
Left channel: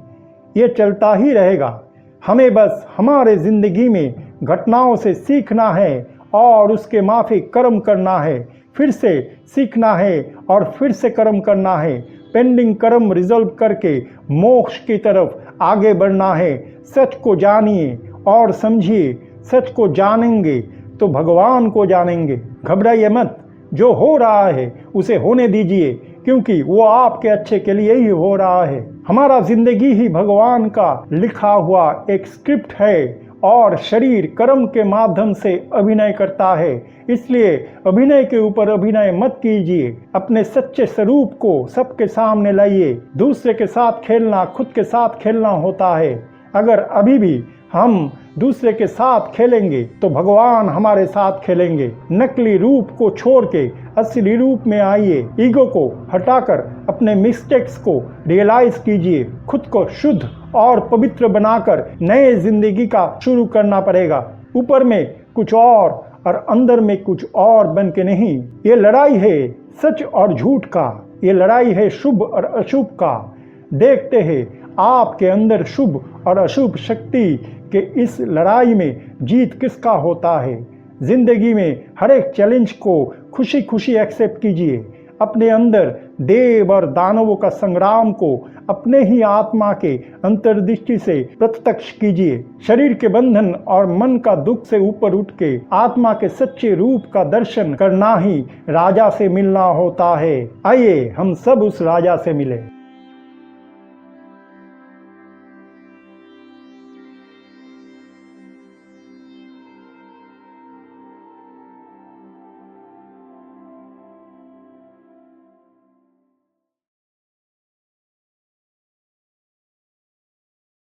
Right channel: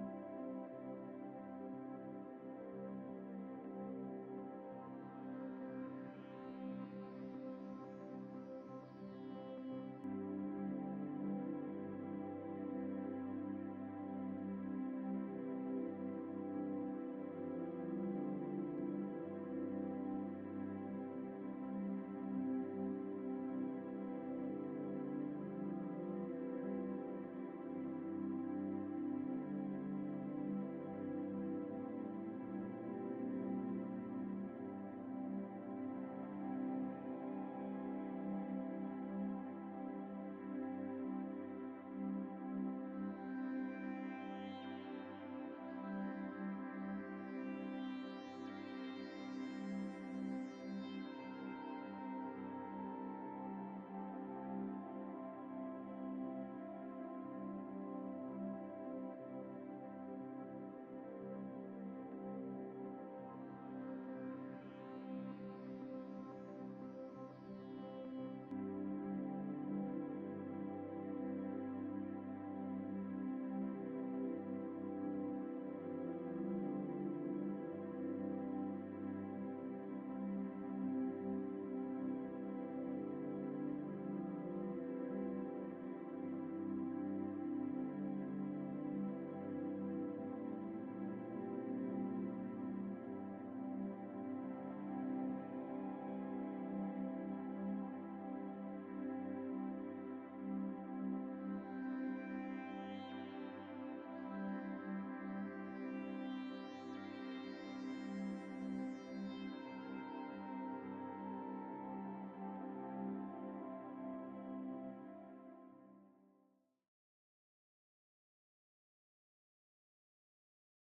ये चलता ही रहेगा। हमें बस हमारे जिंदगी में घटनाओं से सीखना है और उसके माफिक कर्म करना है, फिर से सीखना है और फिर से कर्म करना है। पेंडिंग कर्म रिजॉल्व करके मोक्ष की तरफ आगे बढ़ना है। सच को जानिए और समझिए। सच को जानेंगे तो भगवान को जानेंगे। घबराइए मत, जो हो रहा है उसे होने दीजिए, क्योंकि वो आपके अच्छे के लिए ही हो रहा है। हमारा जिंदगी ही भगवान का लिखा हुआ एक स्क्रिप्ट है और शरीर कर्म के माध्यम से अभिनय करता है। इसलिए अभिनय के ऊपर अभिनय मत कीजिए। अपने सच्चे स्वरूप को सबके सामने लाइए। दूसरे के साथ खेलना खुद के साथ खेलना होता है। अगर अभी भी हम दूसरे के साथ खेलेंगे तो भगवान हमारे साथ खेलेंगे। नकली रूप को छोड़ के असली रूप में आइए। ईगो को हटाकर अपने मिस्टेक्स को रियलाइज कीजिए। खुद को शुद्ध और पवित्र बनाकर नए जिंदगी का शुरू करना पड़ेगा। ऊपर में कुछ और और अंदर में कुछ और बन के नहीं। ये लड़ाई है सच और झूठ का, ये लड़ाई है शुभ और अशुभ का। देखते हैं आपके अंदर शुभ और अशुभ शक्ति के इस लड़ाई में जीत किसका होता है। जिंदगी में हर एक चैलेंज को खुशी खुशी एक्सेप्ट कीजिए। अपने अंदर देव और दानवों का संग्राम को अपने ही आत्मा के अंतर्दृष्टि से प्रत्यक्ष कीजिए। शरीर के बंधन और मन का दुख से ऊपर उठ के आत्मा के सच्चे रूप का दर्शन करना ही राजा से मिलना होता है। आइए हम सब उस राजा से मिले।